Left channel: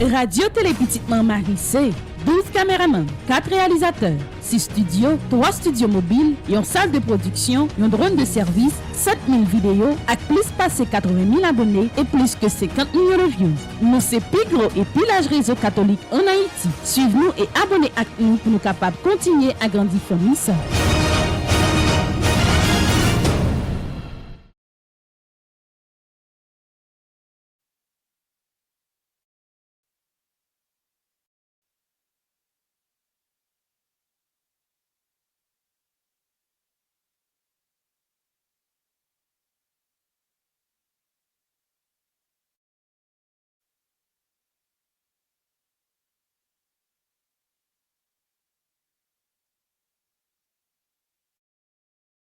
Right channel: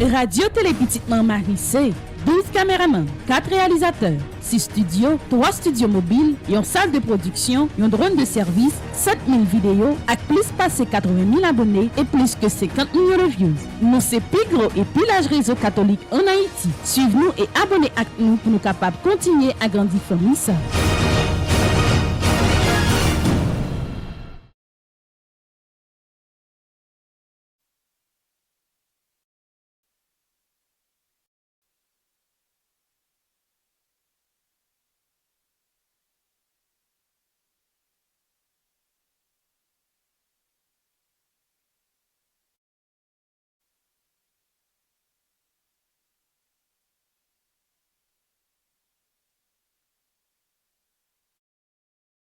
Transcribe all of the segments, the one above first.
Radio Télé Petite Maman Marissé, 12 caméramans, 4 réalisateurs, 6 studios, 3 studios mobiles, une salle de production, un drone de service, 7000 vidéos, avec plus passé 80 000 abonnés et plus que 50 millions de views. Nous c'est plus gros et plus large réseau catholique en Haïti. Suivez-nous et abonnez à nous pour nous capables de continuer à grandir famille ça.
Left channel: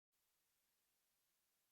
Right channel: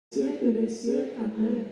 Siècle des siècles. Amen.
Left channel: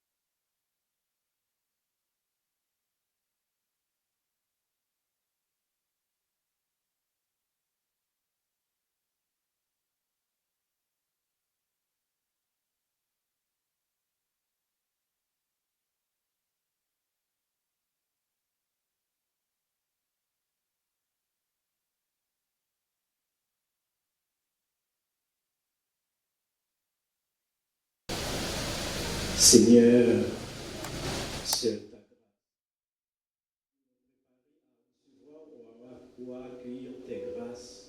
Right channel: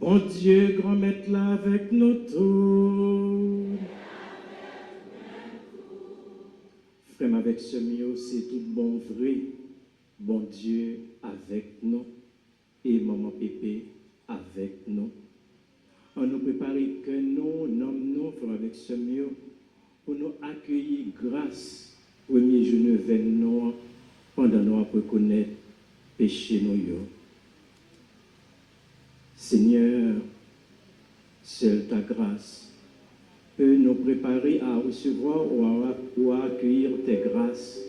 Bon Dieu, grand maître là avec nous tous. Frère, avec ce mieux, c'est tout bon vrai. Bon Dieu avec nous. Et maman Pépé avec nous. On nous prépare que nous, frère, avec ce mieux, pour nous accueillir grâce. Premier jour de nous, pendant nous pour connaître péché nous. Seigneur, seule ta grâce peut nous préparer à recevoir ou à accueillir tes grâces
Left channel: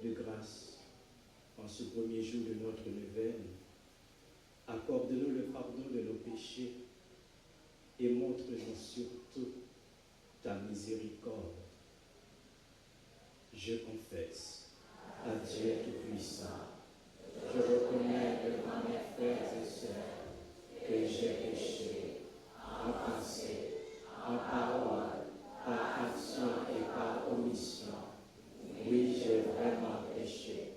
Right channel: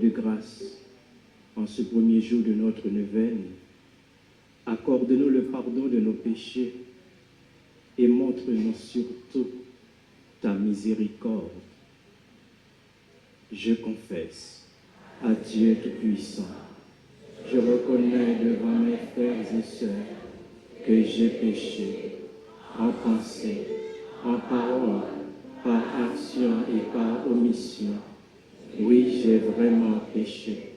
de grâce en ce premier jour de notre neuvaine. Accorde-nous le pardon de nos péchés et montre-nous surtout ta miséricorde. Je confesse à Dieu Tout-Puissant. Je reconnais devant mes frères et sœurs que j'ai péché en pensée, en parole, par action et par omission. Oui, j'ai vraiment péché.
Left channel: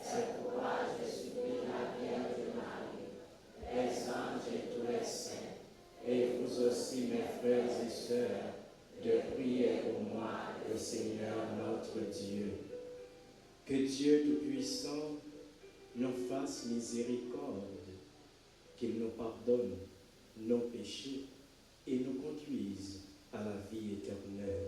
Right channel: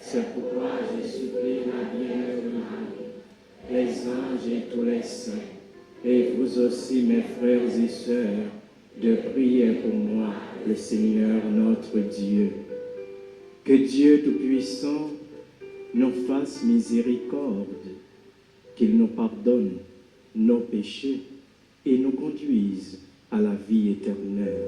C'est pourquoi je supplie la bienheureuse Marie, les anges et tous les saints, et vous aussi, mes frères et sœurs, de prier pour moi, le Seigneur notre Dieu. Que Dieu Tout-Puissant nous fasse miséricorde, qu'il nous pardonne nos péchés et nous conduise à la vie éternelle.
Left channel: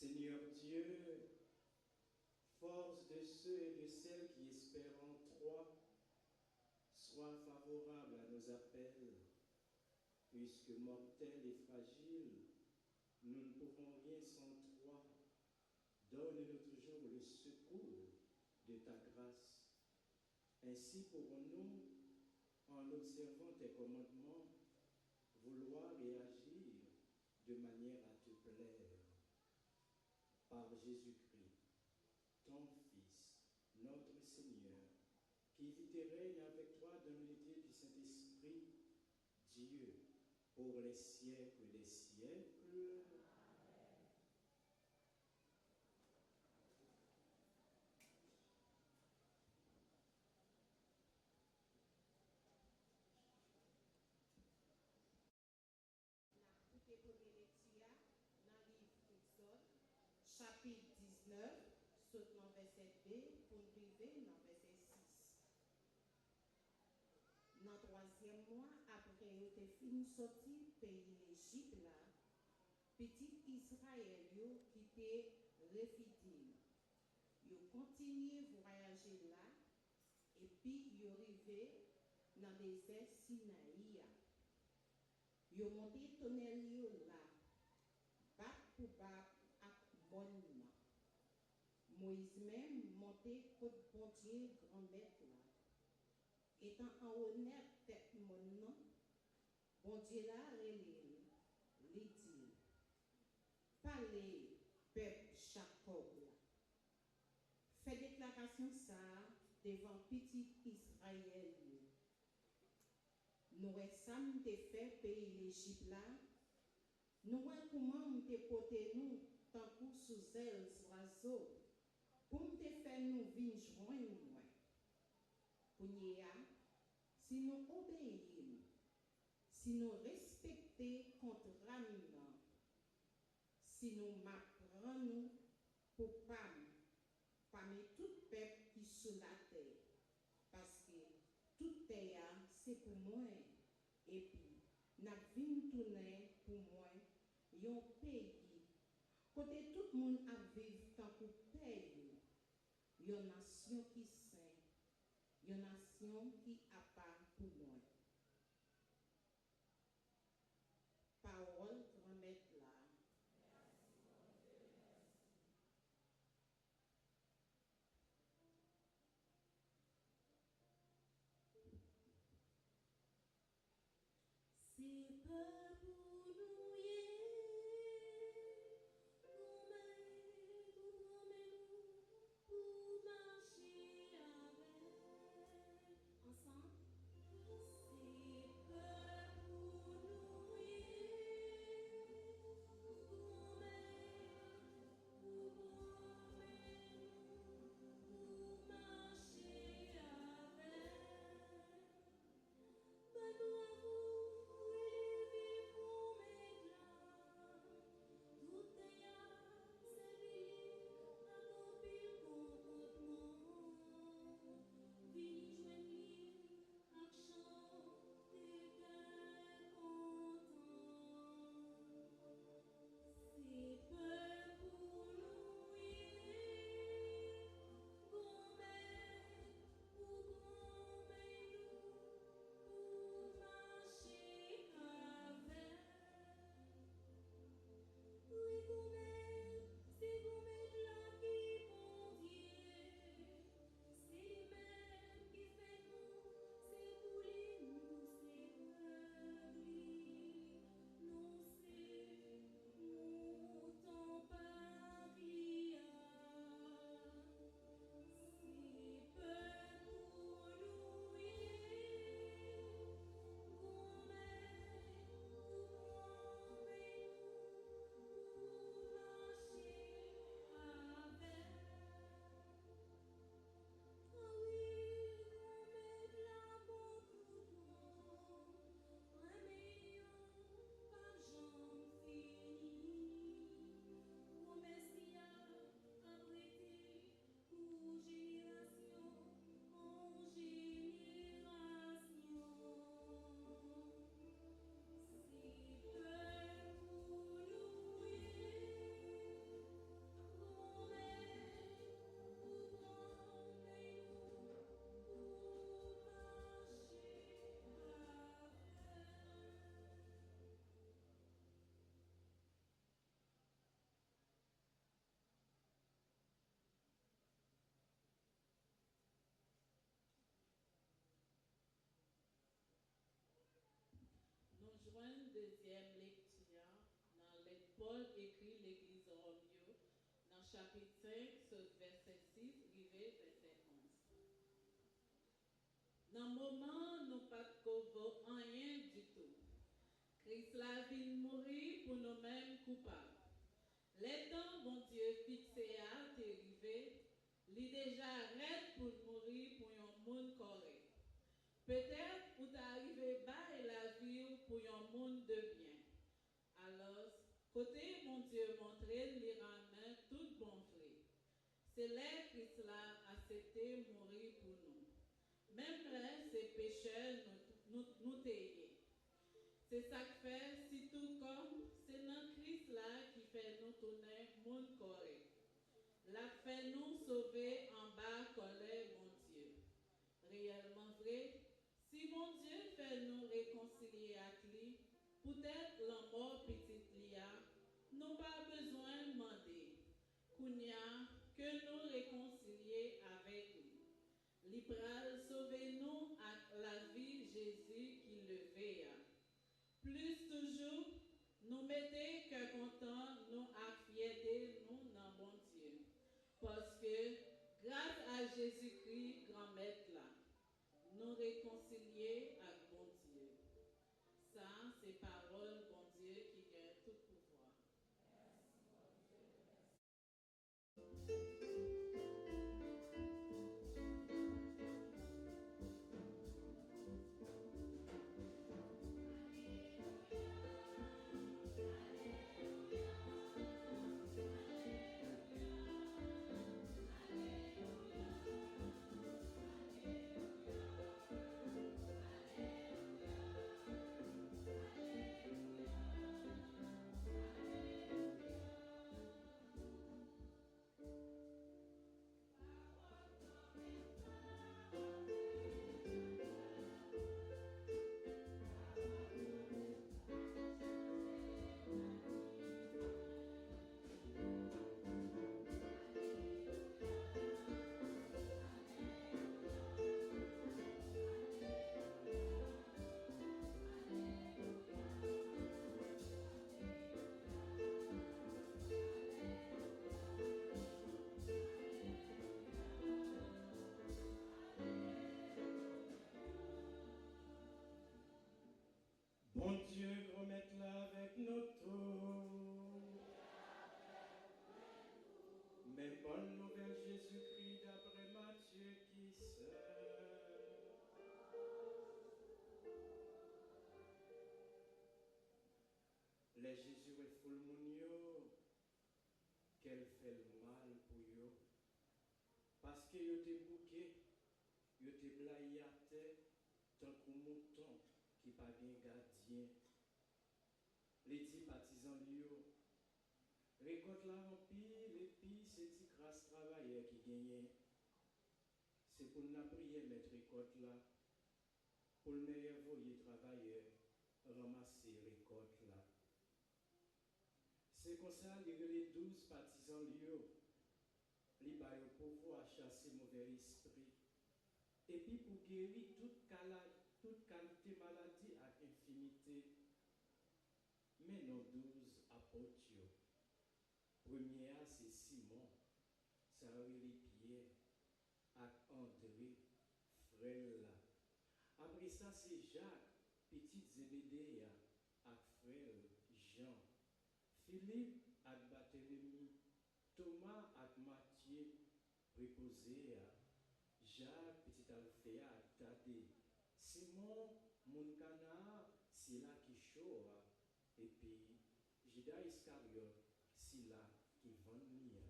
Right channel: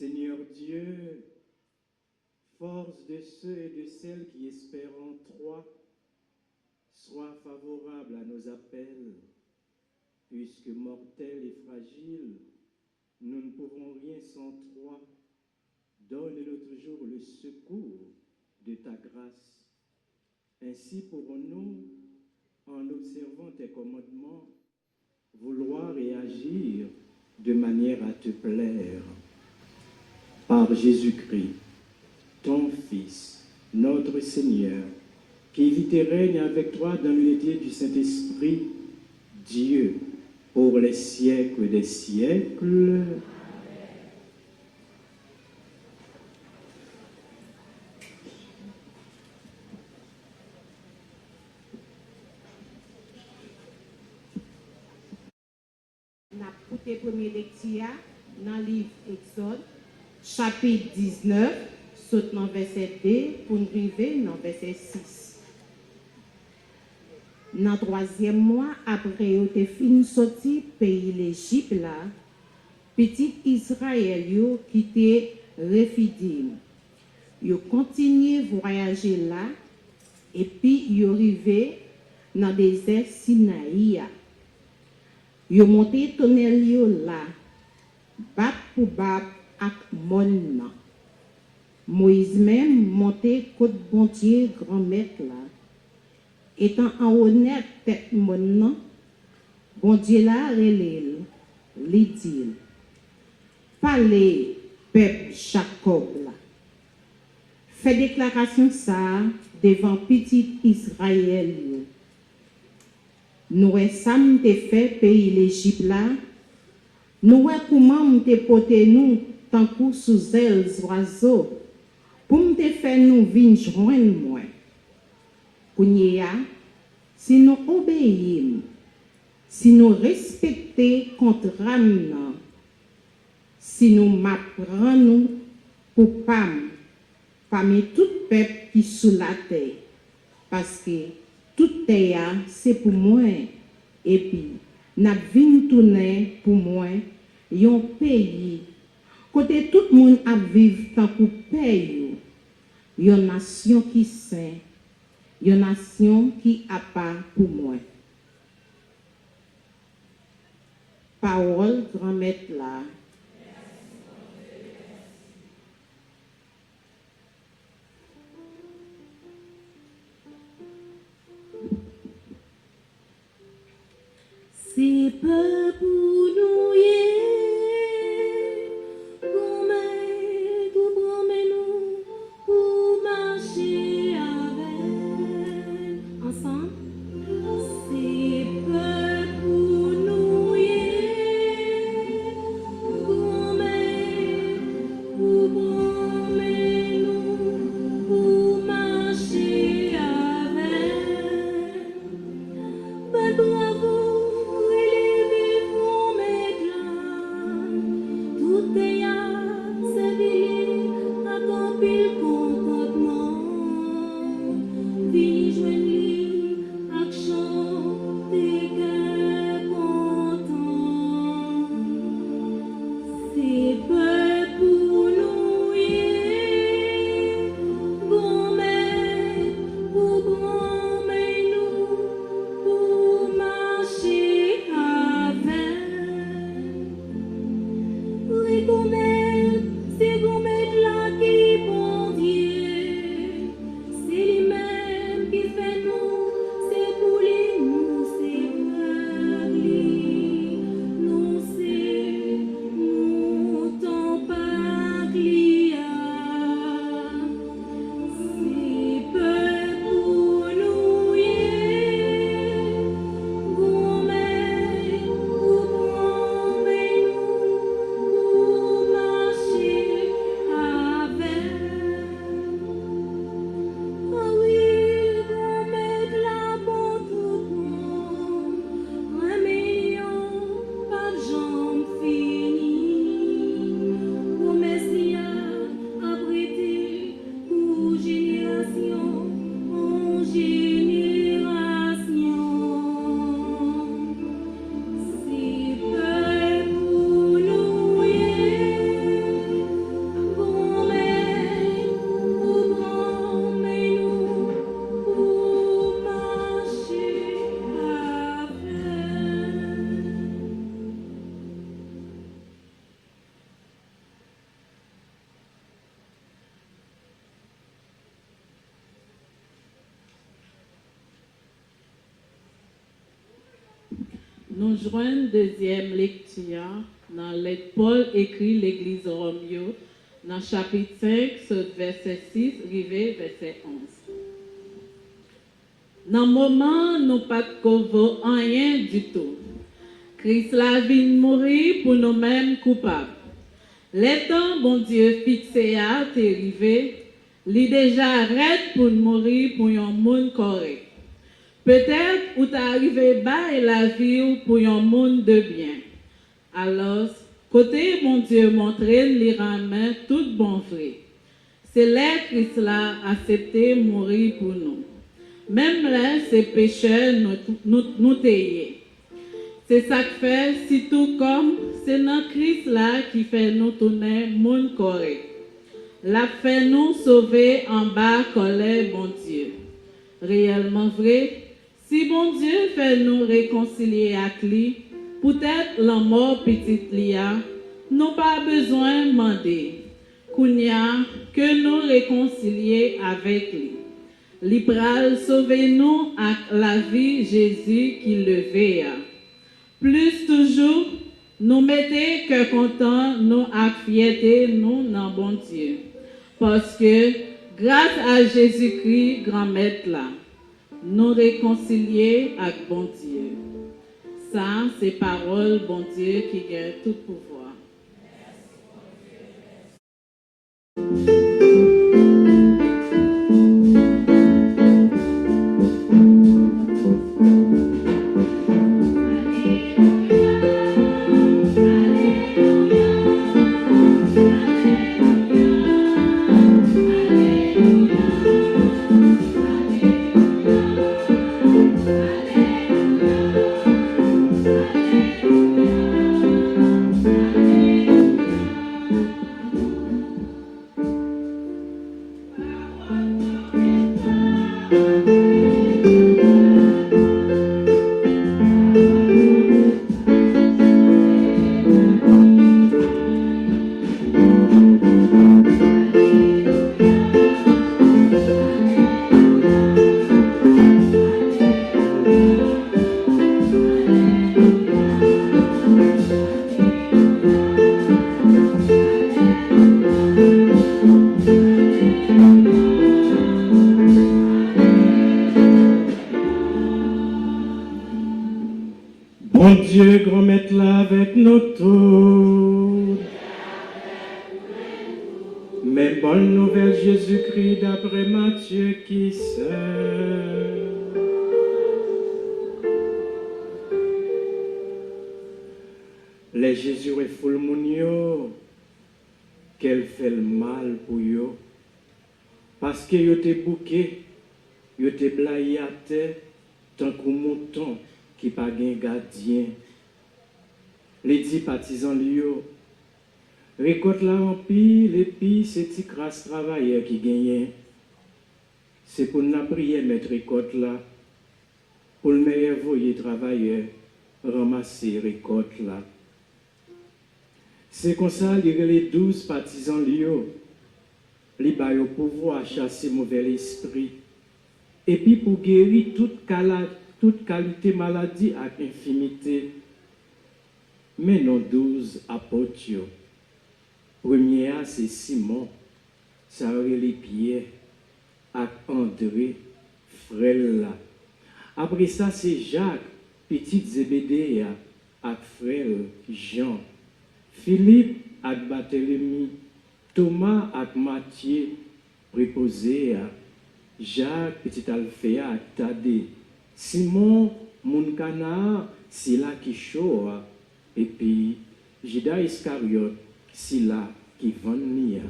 Seigneur Dieu, force de ceux et de celles qui espèrent en toi, sois favorable à nos appels, puisque mortels et fragiles, nous ne pouvons rien sans toi. Donne-nous toujours le secours de ta grâce. Ainsi pourrons-nous, en observant tes commandements, vouloir et agir de manière à te plaire. Par Jésus-Christ, ton Fils, notre Seigneur, qui vit et règne avec toi dans l'unité du Saint-Esprit, Dieu, pour les siècles des siècles. N'a écouté premier lecture dans le livre Exode, chapitre 19, saute dans verset 2 pour nous arriver dans verset 6. Dans le 3e mois, après que fin sorti pays l'Égypte là, petit Israël yo quitté Rephidim. Yo continué voyager là et puis yo arrivé dans le désert Sinaï. Yo monté tunnel yo là, bab pour bab ak mon nan. Moïse même monté côte bon Dieu grand maître là. Étant en honnête tête mon nan, bon Dieu là relève, li dit, parlez peuple Jacob là. Fait déclaration ça devant petit Israël yo. Nous sommes fait pays l'Égypte là. Nous comment m'te porter nous tant que sous ailes oiseaux pour m'te faire nous venir joindre moi. Kounya, si nous obéissons, si nous respectons contrat nan, si nous m'apprenons pour parmi tout peuple qui sous la terre, parce que tout terre c'est pour moi et puis n'a vinn tourner pour moi yon pays côté tout le monde a vivre tant pour pays yon nation qui saint yon nation qui a pas pour moi parole grand maître là. C'est pas pour nous pour promener pour marcher avec ensemble. C'est pas pour nous Nous joignons deuxième lecture dans lettre Paul écrit l'Église Romeo, dans chapitre 5, verset 6, arrivé verset 11. Dans le moment, nous pas de rien du tout. Christ la vie mourir pour nous-mêmes coupables. Les temps, bon Dieu, fixé à t'arriver, il déjà arrête pour mourir pour un monde correct. Peut-être ou t'es arrivé bas et la vie pour un monde de bien. Alors, côté mon Dieu montrer les ramène tout bon vrai. C'est là Christ l'a accepté mourir pour nous. Même là, ces pécheurs nous taillent. C'est ça que fait, si tout comme, c'est notre Christ là qui fait nous tourner monde correct. La fait nous sauver en bas colère, bon Dieu. Réellement vrai, si bon Dieu fait nous réconcilier avec lui, peut-être la mort petite lia, nous pas besoin de demander. Kounia, que nous réconcilier avec lui. L'Ibral sauver-nous avec la vie Jésus qui levait. Plus toujours, nous mettez que content, nous avec fierté, nous dans bon Dieu. Parce que, grâce à Jésus-Christ, grand maître là, nous réconcilier avec bon Dieu. Ça, c'est parole, bon Dieu, qui gagne tout pouvoir. Bon Dieu, grand maître là avec nous tous. Mais bonne nouvelle Jésus-Christ d'après Matthieu qui sait. Les Jésus est full moun qu'elle fait le mal pour yo. Parce que yo te bouqué, yo te blaye à terre, tant qu'un mouton qui pas gen gardien. Les 10 partisans liyo, récolte la en pile, et puis c'est petit crasse travailleur qui gagne. C'est pour nous prier mettre récolte là, pour le meilleur voyer travailleur, ramasser récolte là. C'est comme ça, les 12 partisans liyo, li ba yo pouvoir chasser mauvais esprit. Et puis pour guérir toute qualité maladie avec infimité. Mais nos 12 apôtres, premier c'est Simon, ça aurait les pieds, avec André, frère là. Après ça c'est Jacques, petit Zébédée, avec frère Jean, Philippe avec Barthélemy, Thomas avec Matthieu, préposé, Jacques, petit Alphéa avec Thaddée, Simon, Moukana, Sila qui chaud, et puis Judas Iscariote, Sila qui vend nia.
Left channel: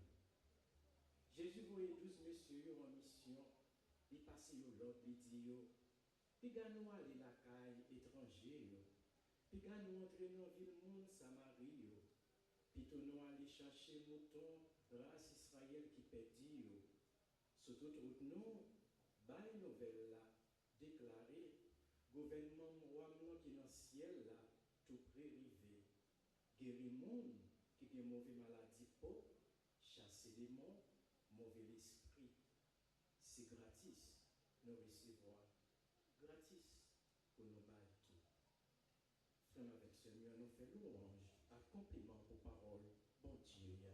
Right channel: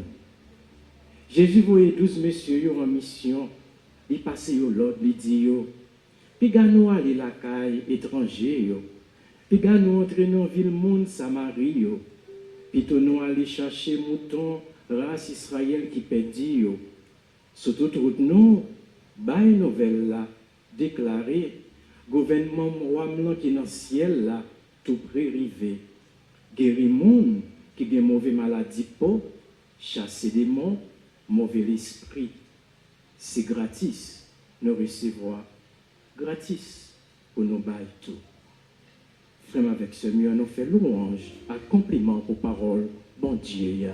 Jésus voyait 12 messieurs en mission, il passait au l'autre, il dit yo, puis nous aller la caille étranger yo, puis nous entrer dans ville monde Samarie yo, puis nous aller chercher mouton race Israël qui perdit yo. Sur toute route nous, bail nouvelle là, déclaré, gouvernement roi qui est dans le ciel là, tout près rivé. Guérir moun qui a mauvais maladie pour chasser des démons, mauvais esprit. C'est gratis, nous recevoir. Gratis pour nous bailler tout. Frère avec ce mieux, nous fait louange, à compliment pour parole, bon Dieu. Ya.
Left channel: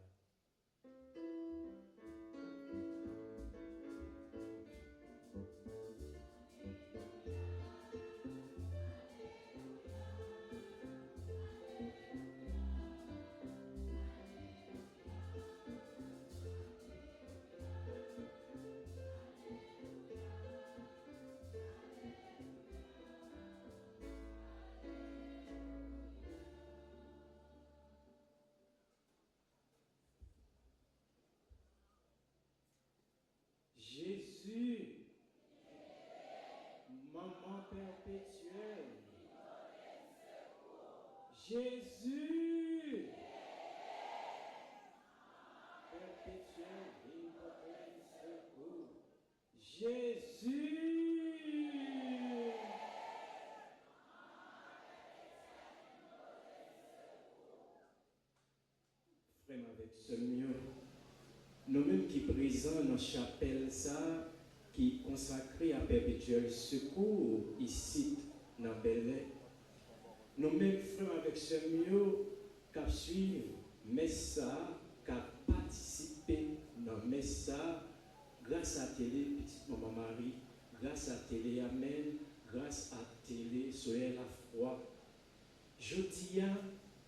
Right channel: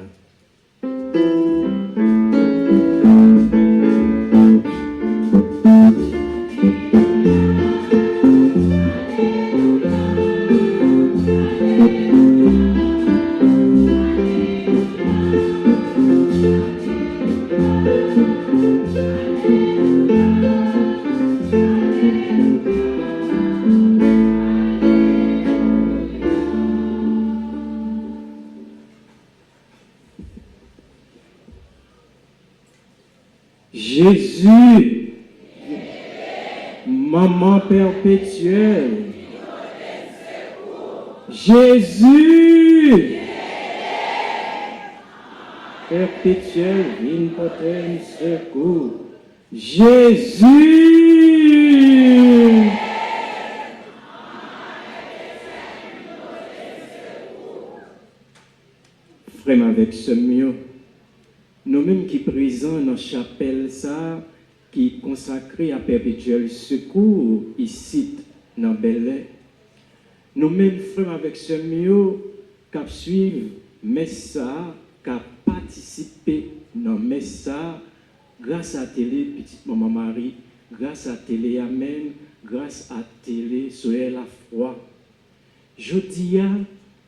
Jésus, maman perpétuelle, Jésus, perpétuel, omnipotent secours, Jésus, frère avec ce mieux. Nous-mêmes qui présents dans la chapelle, ça, qui est consacré à perpétuel secours, ici, dans Bel-Air, nous-mêmes, frères avec ce mieux, qui suivent, mais ça, qui participé dans mais ça, grâce à télé, petite maman Marie, grâce à télé Amen, grâce à télé Soleil la foi. Jeudi,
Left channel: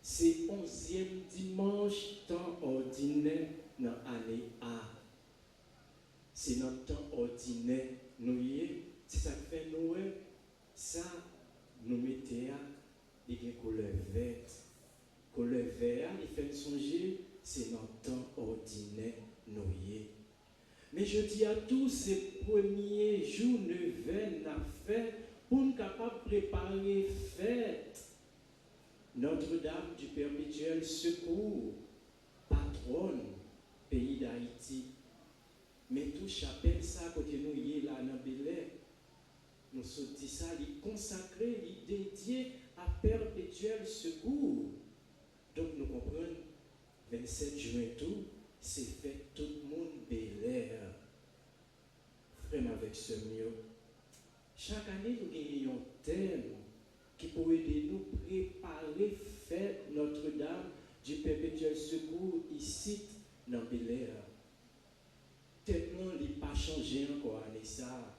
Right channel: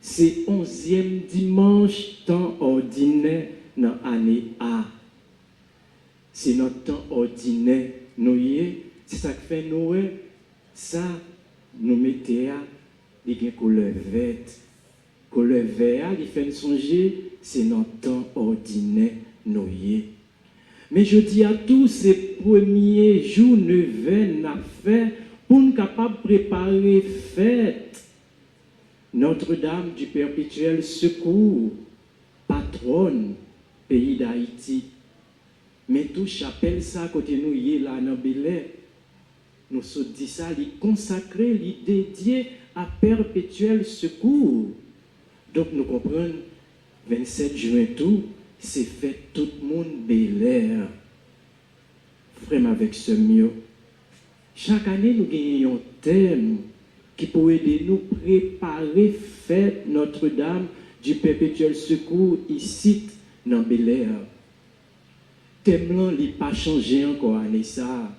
c'est 11e dimanche, temps ordinaire, dans l'année A. C'est notre temps ordinaire. C'est ça qui fait nous, ça, nous mettons des couleurs vertes. Couleur verte, il fait nous songer, c'est notre temps ordinaire. Mais je dis à tous ces premiers jours, neuvaines affaires, pour nous capables de préparer fête. Notre-Dame du perpétuel secours, patronne, pays d'Haïti. Mais tout chapelle ça, côté nous, y est là, dans Bel-Air. Nous se dit ça, il consacré, il dédié à perpétuel secours. Donc nous comprenons, 27 juin tout, c'est fait tout le monde Bel-Air. Frère avec ce mieux. Chaque année, nous gagnons un thème qui peut aider nous préparer fête Notre-Dame du perpétuel secours ici dans Bel-Air. Thème là, il n'a pas changé encore année ça.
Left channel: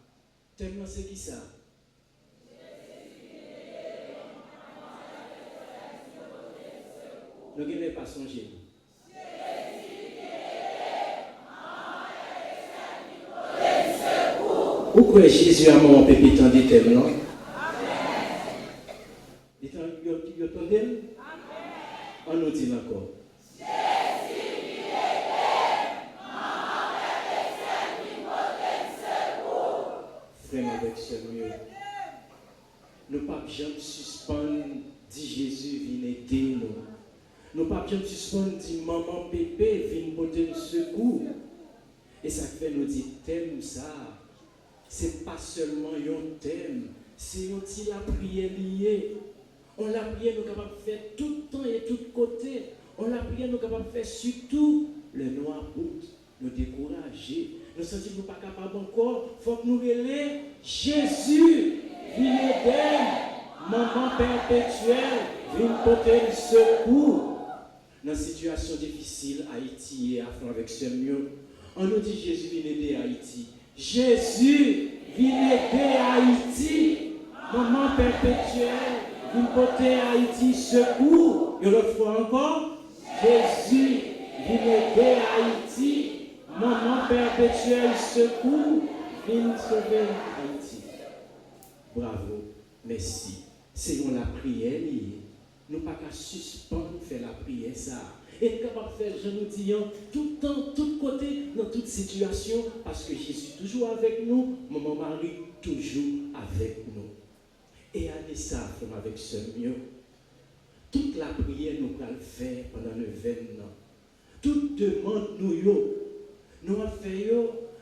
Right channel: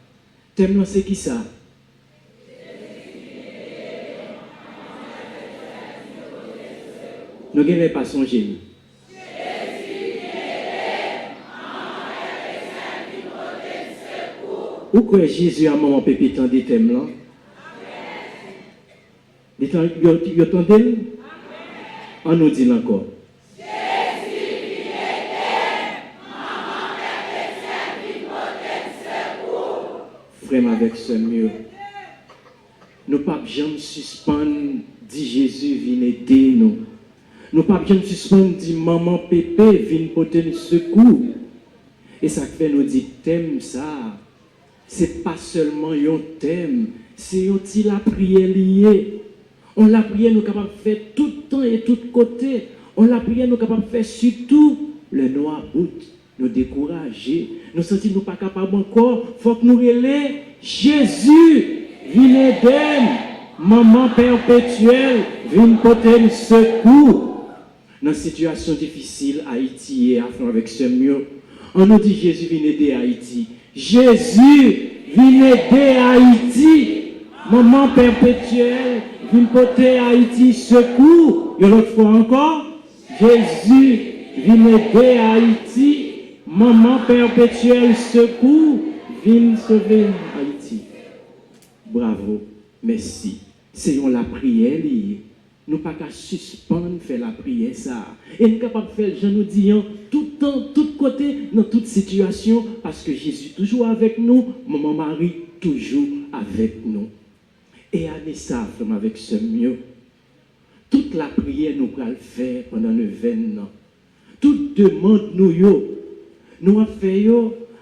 Thème là, c'est qui ça? Nous n'avons pas changé. Pourquoi Jésus a mon pépé tant de thème là? Vous entendez? On nous dit encore. Frère avec ce mieux. Nous ne pouvons jamais suspendre, dit Jésus, viens aider nous. Nous ne pouvons jamais suspendre, dit maman pépé, viens porter le secours. Et ça fait nous dire thème ça. Ce n'est pas seulement un thème, c'est la prière liée. On la prière, nous sommes capables de faire tout le temps et tout côté. On la prière, nous sommes capables de faire surtout le noir bout. Nous décourager, nous sentir nous pas capables encore, il faut que nous relais Jésus, viens aider, maman perpétuelle, viens porter le secours. Dans une situation difficile, Haïti et Afrique avec ce mieux, on nous dit Jésus, viens aider Haïti. Jésus, viens aider Haïti, maman perpétuelle, viens porter Haïti secours. Et l'autre fois encore, Jésus, viens aider Haïti. Maman perpétuelle secours, viens sauver Haïti. Bravo, merci. C'est la prière liée. Nous ne pouvons pas suspendre faire la prière ça. Et nous sommes capables de faire, je nous dis, tout le temps, tout côté, dans toute situation, parce que Jésus toujours avec nous, maman Marie toujours avec nous. Et allez ça, avec ce mieux. Toute la prière nous allons faire pendant le 20 ans. Toute demande nous avons fait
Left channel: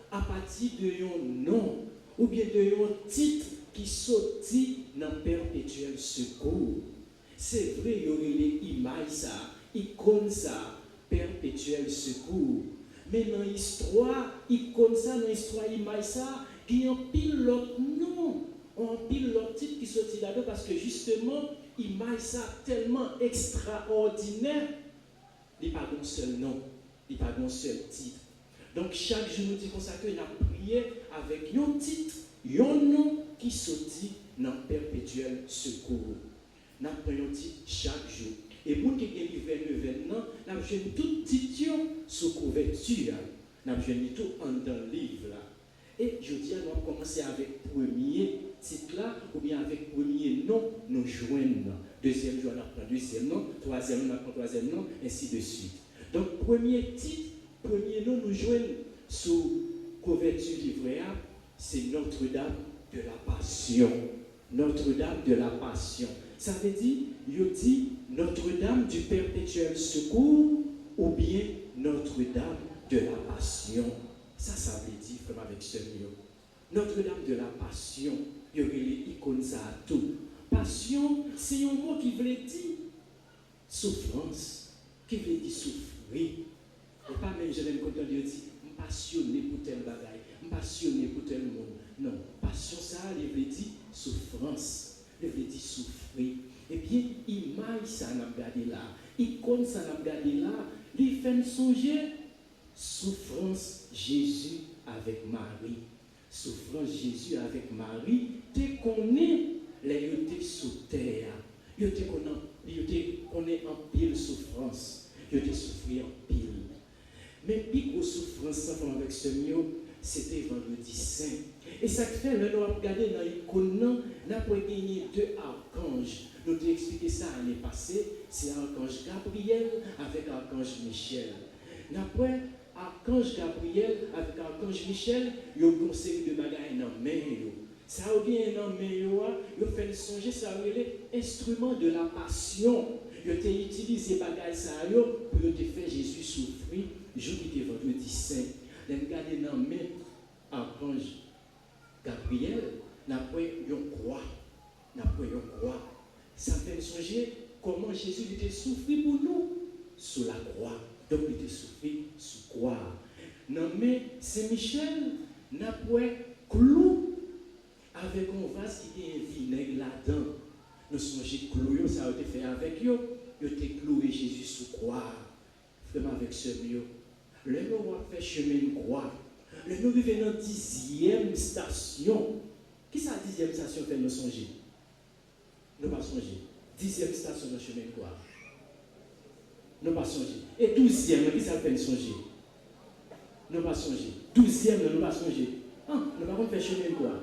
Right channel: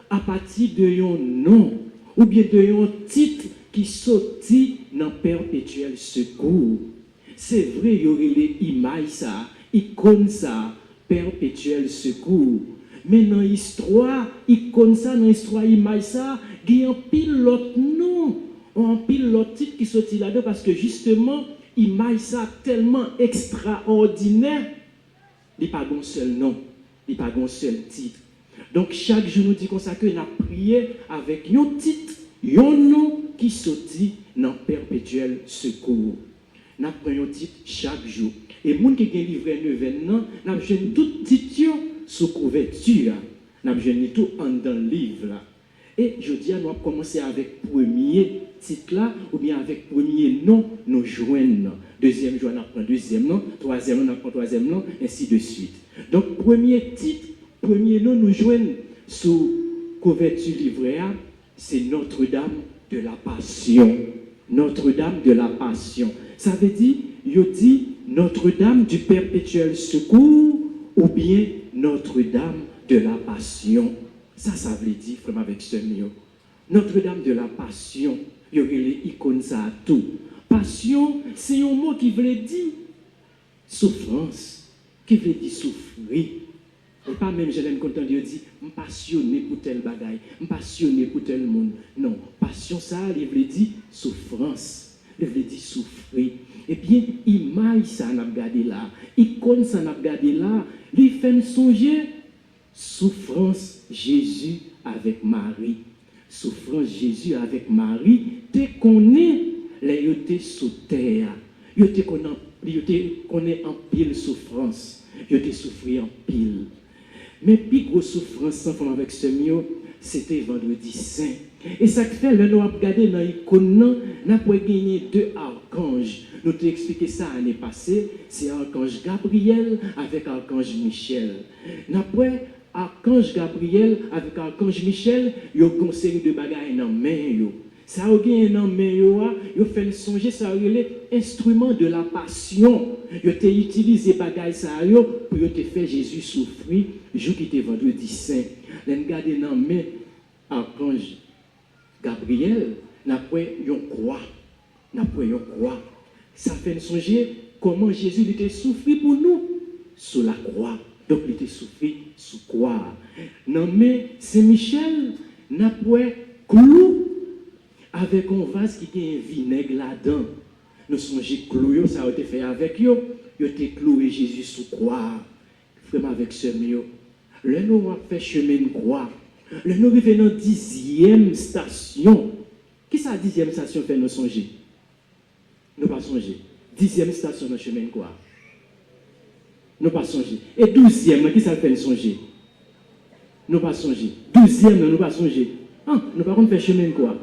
à partir de un nom ou bien de un titre qui sortit dans perpétuel secours. C'est vrai, il y aurait les images, ça, icône ça, perpétuel secours. Mais dans l'histoire, icône ça, dans l'histoire, image ça, il y a un pilote nom, un pilote titre qui sortit là-dedans parce que justement, image ça tellement extraordinaire, il n'y a pas un seul nom, il n'y a pas un seul titre. Donc chaque jour nous dit comme ça que nous avons prié avec un titre, un nom qui sortit dans perpétuel secours. Nous prenons un titre chaque jour. Et les gens qui ont livré nous avons joué tout titre sous couverture. Nous avons joué tout dans le livre. Et je dis, nous avons commencé avec le premier titre là, ou bien avec le premier nom, nous joignons. Deuxième jour, on apprend deuxième nom, troisième nom, on apprend troisième nom, ainsi de suite. Donc, premier titre, premier nom, nous joignons sous couverture livret A, c'est Notre-Dame de la Passion. Notre-Dame de la Passion. Ça veut dire, il dit Notre-Dame du perpétuel secours ou bien Notre-Dame de la Passion. Ça veut dire, frère, avec ce mot. Notre-Dame de la Passion, il y a les icônes ça à tout. Passion, c'est un mot qui veut dire souffrance, qui veut dire souffrir. Et pas même, je l'aime content de dire, je suis passionné pour tel bagaille, je suis passionné pour tel monde. Non, passion, ça, il veut dire souffrance, il veut dire souffrir. Et bien, image, ça, on a regardé là, icône, ça, on a regardé là, il fait me songer, souffrance, Jésus avec Marie. Souffrance, Jésus avec Marie, tu connais les yotés sous terre, yotés connais en pile souffrance, yotés souffrir en pile. Mais plus grosse souffrance avec ce mieux, c'était vendredi saint. Et ça fait, là, nous avons regardé dans l'icône, nous avons gagné 2 archanges. Nous t'ai expliqué ça l'année passée, c'est archange Gabriel avec archange Michel. Nous avons archange Gabriel avec archange Michel, ils ont une série de bagages dans main. Ça a gagné dans main, ils ont fait songer, ça a été instrument de la passion. Ils ont utilisé les bagages pour te faire Jésus souffrir, le jour qui était vendredi saint. Ils ont gardé dans main archange Gabriel, après une croix. Ça fait songer comment Jésus était souffert pour nous sous la croix. Donc, il était souffert sous croix. Non, mais Saint-Michel n'a pas clou avec un vase qui a un vinaigre là-dedans. Nous songeons clou, ça a été fait avec eux. Ils ont été cloué Jésus sous croix. Vraiment avec ce mieux. Là, nous avons fait chemin de croix. Là, nous arrivons dans la 10e station. Qui ça, 10e station fait nous songer? Nous pas songer. 10e station dans le chemin de croix. Nous pas songer. Et 12e, qui ça fait nous songer? Nous pas songer. 12e, nous pas songer. Ah, nous pas faire chemin de croix.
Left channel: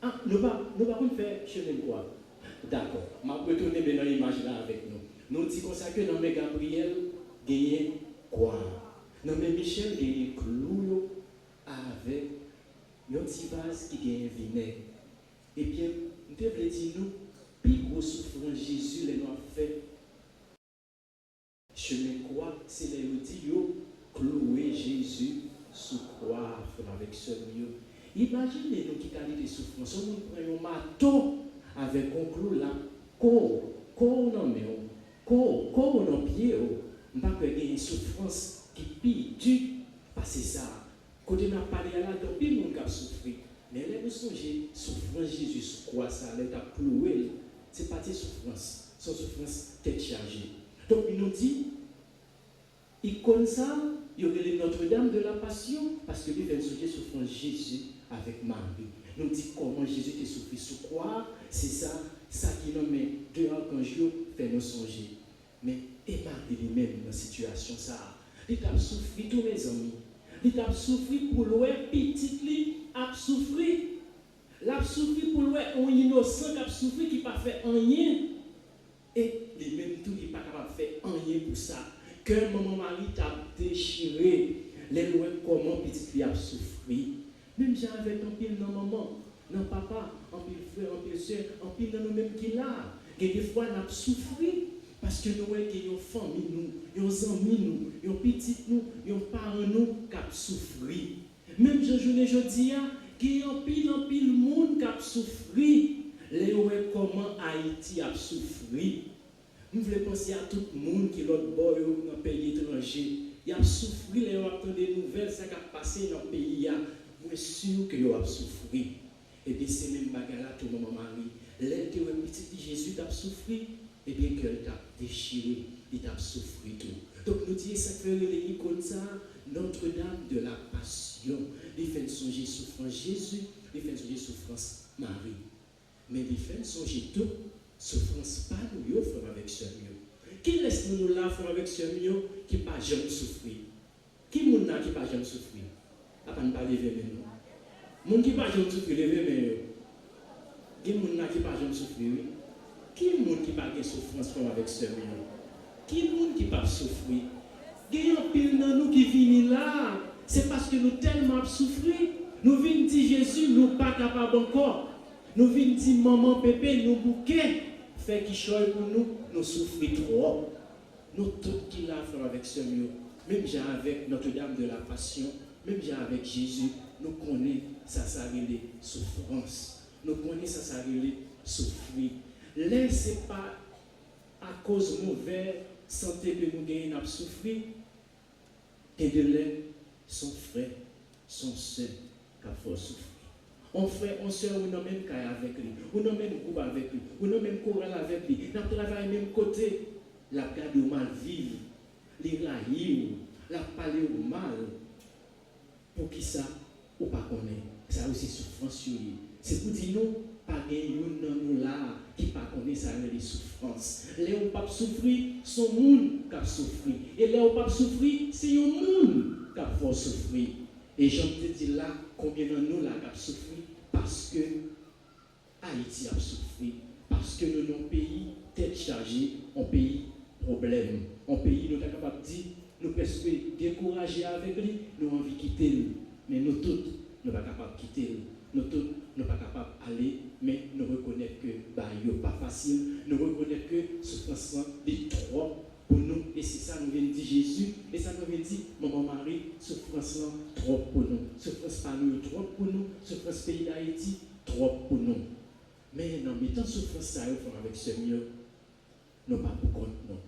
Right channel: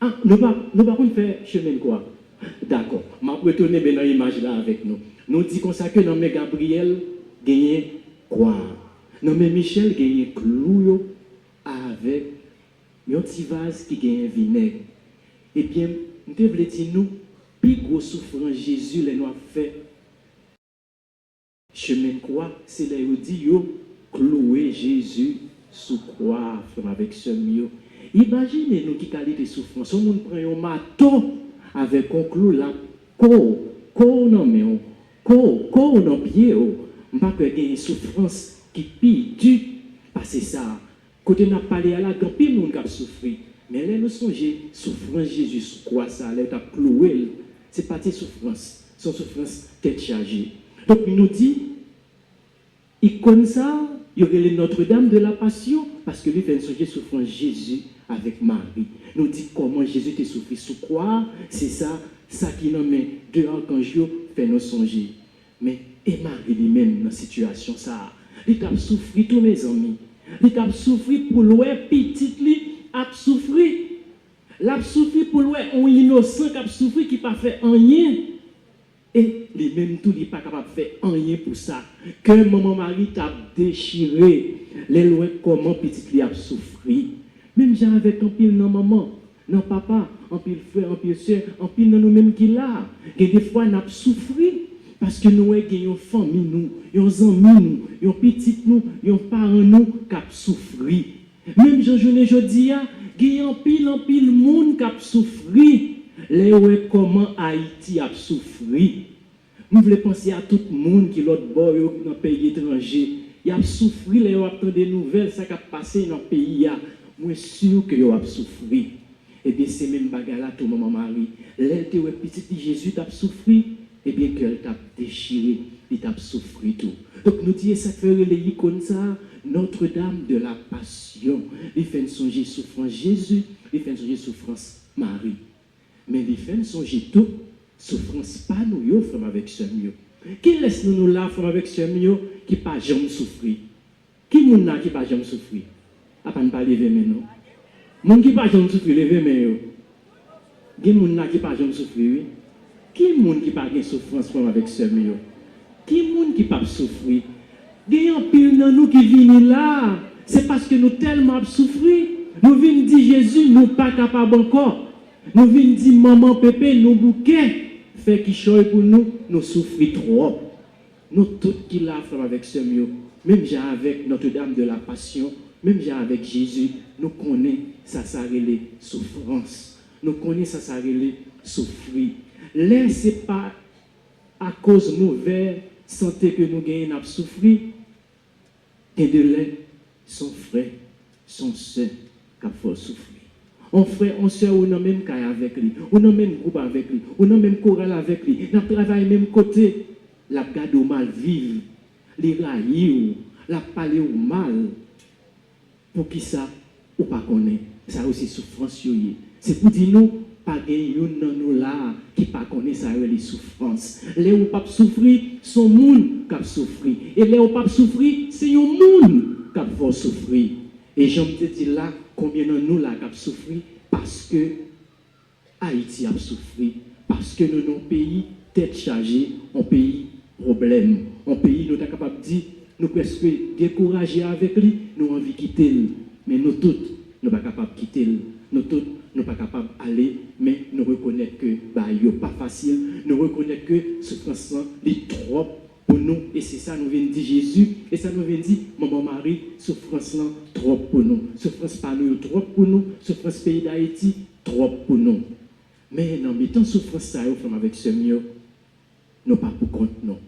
Ah, nous pas faire chemin de croix. D'accord. Je vais retourner dans l'image là avec nous. Nous disons comme ça que dans mes Gabriel, gagne croix. Dans mes Michel, gagne clou avec un petit vase qui gagne vinaigre. Eh bien, nous devons dire nous, plus gros souffrance Jésus les nous a fait. Chemin de croix, c'est là où dit clouer Jésus sous croix avec ce mieux. Imaginez-nous qui qualité de souffrance. On prend un marteau avec un clou là, corps dans main, corps dans pied. On pas que une souffrance qui pire du passer ça. Côté n'a parlé à la grand pile monde qui souffrir. Mais là nous songez souffrance Jésus sous croix ça, là t'a cloué. C'est pas tes souffrances, son souffrance tête chargée. Donc il nous dit icône ça, il y aurait Notre-Dame de la Passion parce que lui fait songer souffrance Jésus avec Marie. Nous dit comment Jésus était souffert sous croix, c'est ça qui nous met 2 archanges fait nous songer. Mais et Marie lui-même dans cette situation ça, il a souffert tous mes amis. Il a souffert pour l'ouer petit lui a souffert. L'a souffert pour l'ouer un innocent qui a souffert qui pas fait rien. Et lui-même tout n'est pas capable de faire rien pour ça. Que maman Marie t'a déchiré, les lois comment petit lui a souffert. Même j'ai avec un pile non maman, non papa, un pile frère, un pile soeur, un pile dans nous-mêmes qui là. Et des fois, nous avons souffert parce que nous avons une famille, nous, nos amis, nos petits, nos parents, nous, qui ont souffert. Même je dis, il y a un pile monde qui a souffert. Les ouais comment Haïti a souffert. Nous voulons penser à tout le monde qui est l'autre bord dans le pays étranger. Il a souffert, les attend des nouvelles, ça qui a passé dans le pays. moi sûr que vous avez souffert. Et bien, c'est même bagarre là, tout maman Marie. L'elle te petit Jésus t'a souffert, et bien qu'elle t'a déchiré, il t'a souffert tout. Donc nous disons ça fait les comme ça, Notre-Dame de la Passion. Il fait songer souffrance Jésus, il fait songer souffrance Marie. Mais il fait songer tout, souffrance pas nous, yo, frère avec ce mieux. Qui laisse nous là, frère avec ce mieux, qui pas jamais souffrir? Qui moun là qui pas jamais souffrir? À pas ne pas lever maintenant. Moun qui pas jamais souffrir, lever maintenant. Qui moun là qui pas jamais souffrir, oui? Qui moun qui pas de souffrance frère avec ce mieux? Qui moun qui pas souffrir? Il y a un pile dans nous qui viennent là. C'est parce que nous tellement souffrir. Nous venons dire Jésus, nous pas capables encore. Nous venons dire maman pépé, nous bouquet. Fait qui choye pour nous, nous souffrons trop. Nous tous qui là avec ce mieux. Même avec Notre-Dame de la Passion, même avec Jésus, nous connaissons ça les souffrances. Nous connaissons ça les souffrir. Là, ce n'est pas à cause de mauvaise santé que nous gagnons à souffrir. Et de là, son frère, son soeur, qui faut souffrir. On frère, on soeur, on a même caille avec lui, on a même groupe avec lui, on a même chorale avec lui, on travaille même côté. La garde au mal vivre, les railler, la parler au mal. Pour qui ça, ou pas connaît, ça aussi souffrance. C'est pour dire nous, pas une dans nous là qui pas connaît ça les souffrances. Les ou pas souffrir, son monde qui souffrir. Et les ou pas souffrir, c'est un monde qui va souffrir. Et j'aime te dire là, combien de nous là qui souffrir parce que Haïti a souffert, parce que nous, nos pays, tête chargée, un pays problème. Un pays, nous sommes capables de dire, nous presque décourager avec lui, nous envie de quitter lui. Mais nous tous, nous ne sommes pas capables de quitter lui. Nous tous, nous ne sommes pas capables d'aller, mais nous reconnaissons que ce n'est pas facile. Nous reconnaissons que ce souffrance est trop pour nous. Et c'est ça nous vient dire Jésus. Et ça nous vient dire, maman Marie, souffrance trop pour nous. Souffrance pas nous, trop pour nous. Souffrance pays d'Haïti, trop pour nous. Mais non, mais tant souffrance ça, avec ce mieux, nous pas pour compte, non.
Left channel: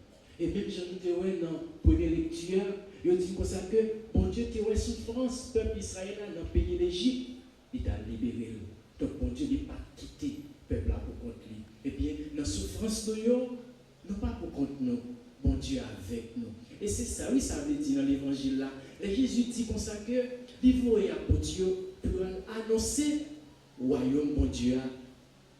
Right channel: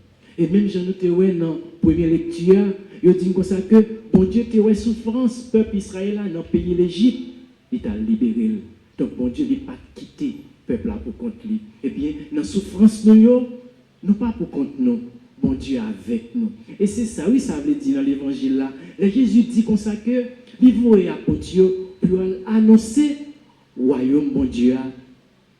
Et même Jean nous dans la première lecture, il dit comme ça que bon Dieu te souffrance, peuple Israël dans le pays l'Égypte, il t'a libéré. Donc bon Dieu n'a pas quitté le peuple là pour compte lui. Eh bien, dans la souffrance nous pas pour compte nous. Bon Dieu avec nous. Et c'est ça, oui, ça veut dire dans l'évangile là. Le Jésus dit comme ça que il voyait apôtre pour annoncer royaume bon Dieu a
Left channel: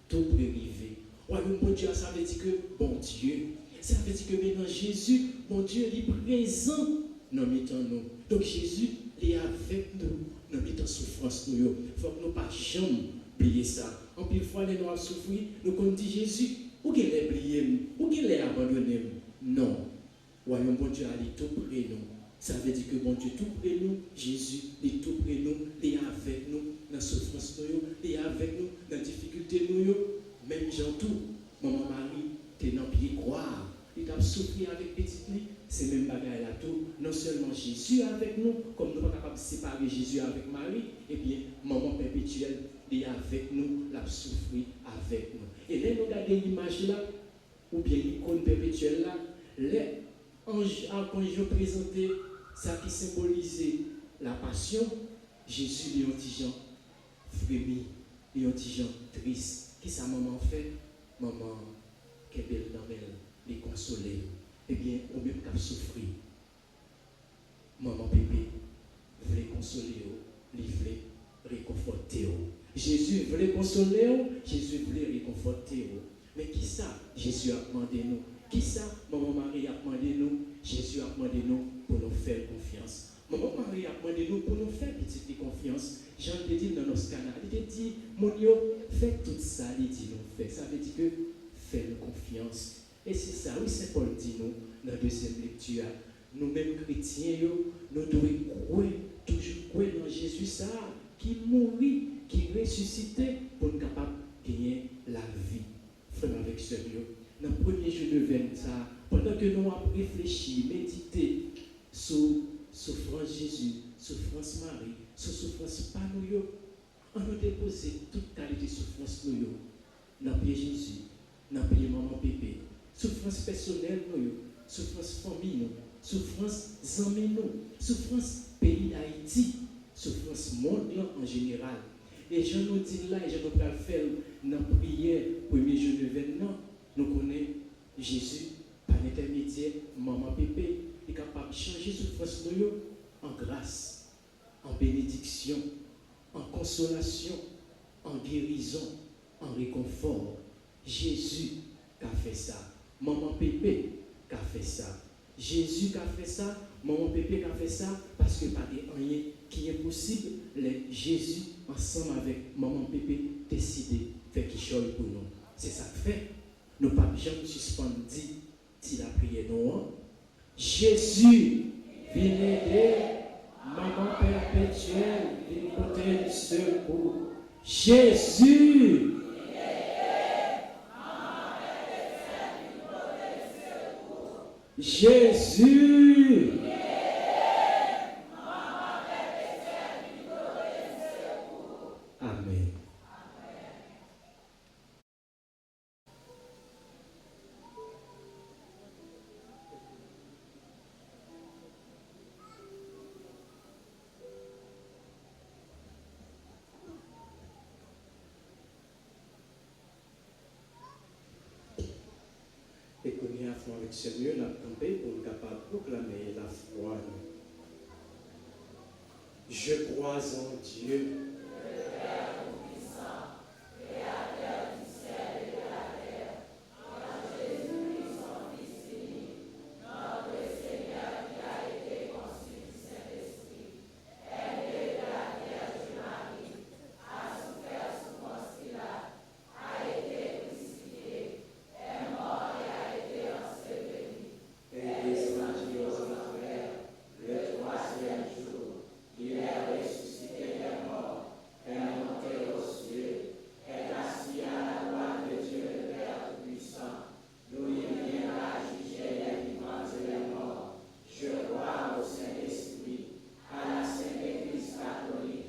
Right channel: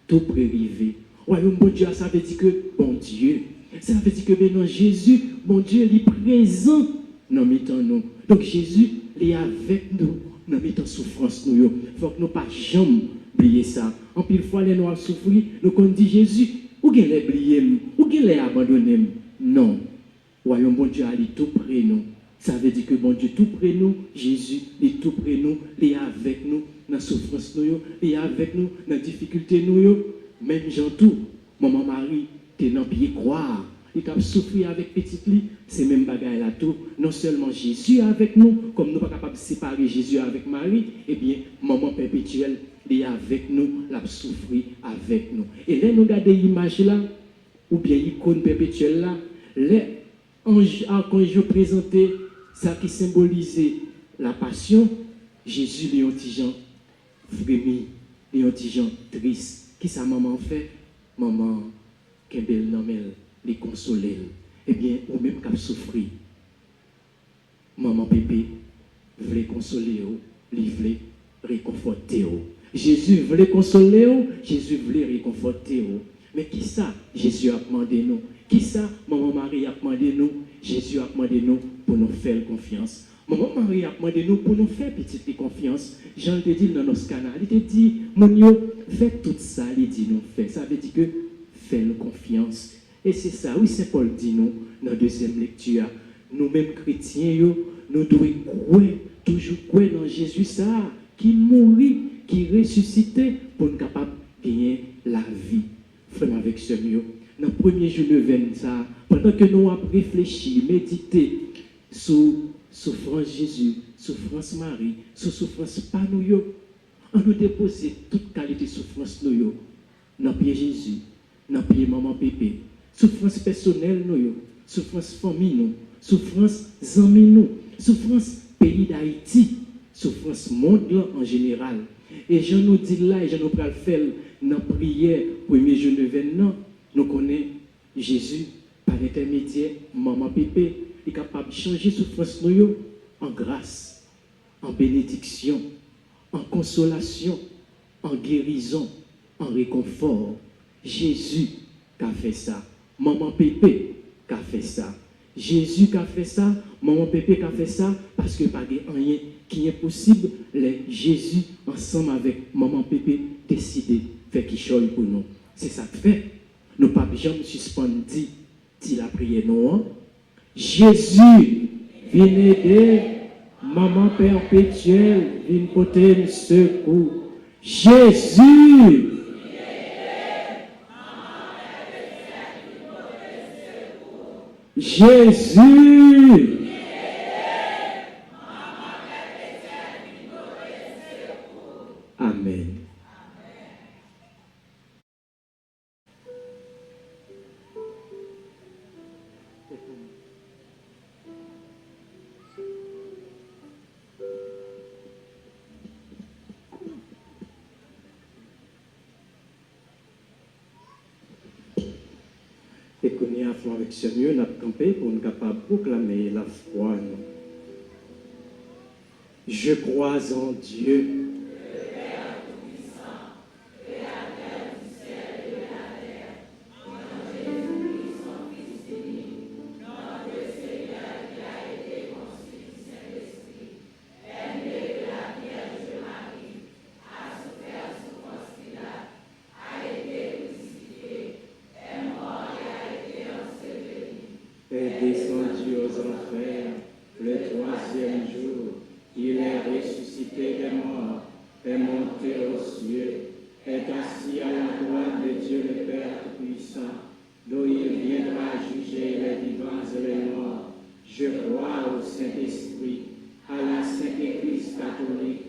tout prérivé. Royaume bon Dieu, ça veut dire que bon Dieu. Ça veut dire que maintenant Jésus, bon Dieu, il est présent dans nous. Donc Jésus, il est avec nous dans notre souffrance. Il faut que nous ne pas jamais oublier ça. En pile fois, les noirs souffrent, nous qu'on dit Jésus, ou qu'il est oublié, ou qu'il est abandonné. Non. Royaume bon Dieu, il est tout près de nous. Ça veut dire que bon Dieu est tout près de nous. Jésus est tout près de nous. Il est avec nous dans la souffrance. Il est avec nous dans la difficulté. Même Jean tout, maman Marie, qui dans pied croire, il a souffert avec petite lit, c'est même bagaille là tout. Non seulement Jésus est avec nous, comme nous ne sommes pas capables de séparer Jésus avec Marie, eh bien, maman perpétuelle, il est avec nous, l'a souffert avec nous. Et là, nous regardons l'image là, ou bien l'icône perpétuelle là, les anges présenté ça qui symbolisait la passion, Jésus est un petit gens frémi, et un petit gens triste. Qui sa maman fait? Maman, qu'elle belle nommelle, les consoler. Eh bien, ou même qu'elle souffrir. Maman pépé, voulait consoler, il voulait réconforter. Jésus voulait consoler, Jésus voulait réconforter. Mais qui ça? Jésus a demandé nous. Qui ça? Maman Marie a demandé nous. Jésus a demandé nous pour nous faire confiance. Maman Marie a demandé nous pour nous faire petite confiance. Jean te dit dans nos canaux, il te dit, mon Dieu, faites tout ça, il dit nous faire. Ça veut dire que fais-nous confiance. Et c'est ça, oui, Saint Paul dit nous, dans la deuxième lecture, nous-mêmes chrétiens, nous devons croire, toujours croire dans Jésus, ça, qui mourit, qui ressuscitait pour nous capables de gagner la vie. Frère avec ce mieux. Dans le premier jour de veine, ça, pendant que nous avons réfléchi, médité sur souffrance Jésus, souffrance Marie, sur souffrance pas nous, on nous déposer toute qualité de souffrance nous, dans le pied Jésus, dans le pied maman pépé, souffrance personnelle nous, souffrance famille nous, souffrance amis nous, souffrance pays d'Haïti, souffrance monde là en général. Et je nous dis là, et je nous le faire dans la prière, premier jour de non, nous connaissons Jésus par l'intermédiaire, maman Pépé, est capable de changer souffrance nous en grâce, en bénédiction, en consolation, en guérison, en réconfort. Jésus qui a fait ça. Maman Pépé qui a fait ça. Jésus qui a fait ça, maman Pépé qui a fait ça, parce que pas de rien qui est possible, les Jésus ensemble avec maman Pépé décidé de faire quelque chose pour nous. C'est ça que fait. Nous ne pouvons jamais suspendre la prière non. Jésus, viens aider, maman perpétuelle, viens porter le secours. Jésus, Jésus, Amen. Et qu'on y a foi avec sérieux, nous avons campé pour nous capables de proclamer la foi. Je crois en Dieu. Est descendu aux enfers le troisième jour. Il est ressuscité des morts, est monté aux cieux, est assis à la droite de Dieu le Père puissant, d'où il viendra juger les vivants et les morts. Je crois au Saint-Esprit, à la Sainte Église catholique,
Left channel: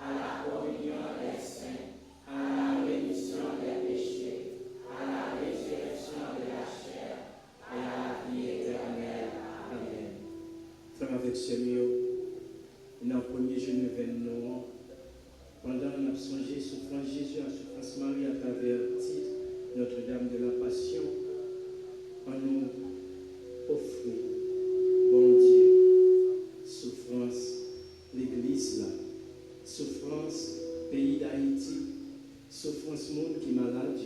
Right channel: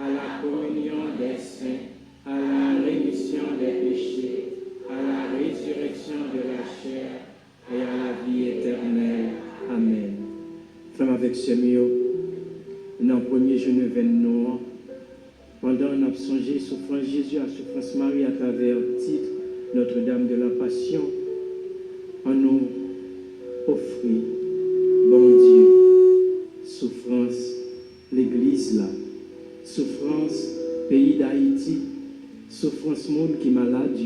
à la communion des saints, à la rémission des péchés, à la résurrection de la chair et à la vie éternelle. Amen. Femme avec ce mieux, dans le premier jour de Noël, pendant qu'on a songé souffrance Jésus à souffrance Marie à travers le titre Notre-Dame de la Passion, on nous offrit, bon Dieu, souffrance l'Église là, souffrance pays d'Haïti, souffrance monde qui est malade,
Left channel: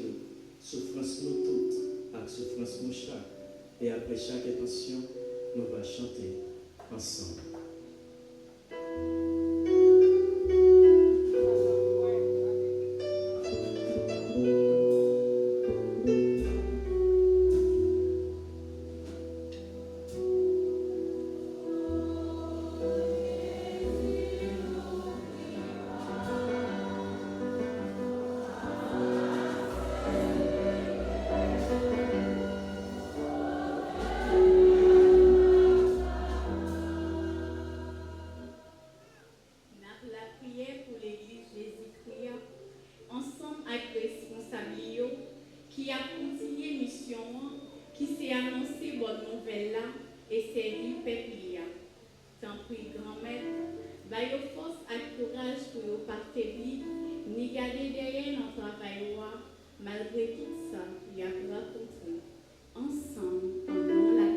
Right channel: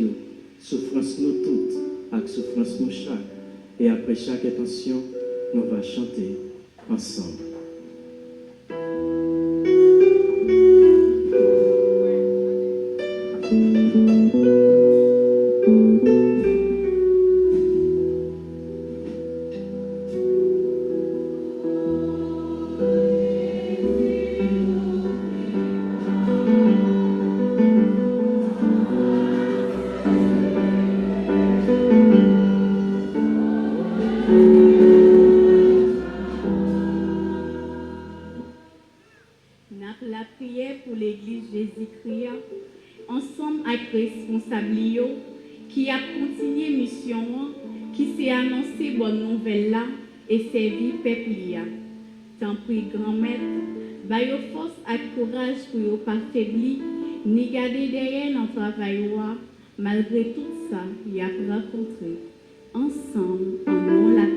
souffrance nous toutes, avec souffrance nous chaque. Et après chaque intention, nous allons chanter ensemble. La prière pour l'Église Jésus-Christ, ensemble avec responsabilité qui a continué mission, qui s'est annoncé bonne nouvelle là et servi peuple. Tant pis grand-mère, bayo force et courage pour ne pas faiblir, ni garder derrière dans le travail, malgré tout ça, il a rencontré. Ensemble, en nom la prière.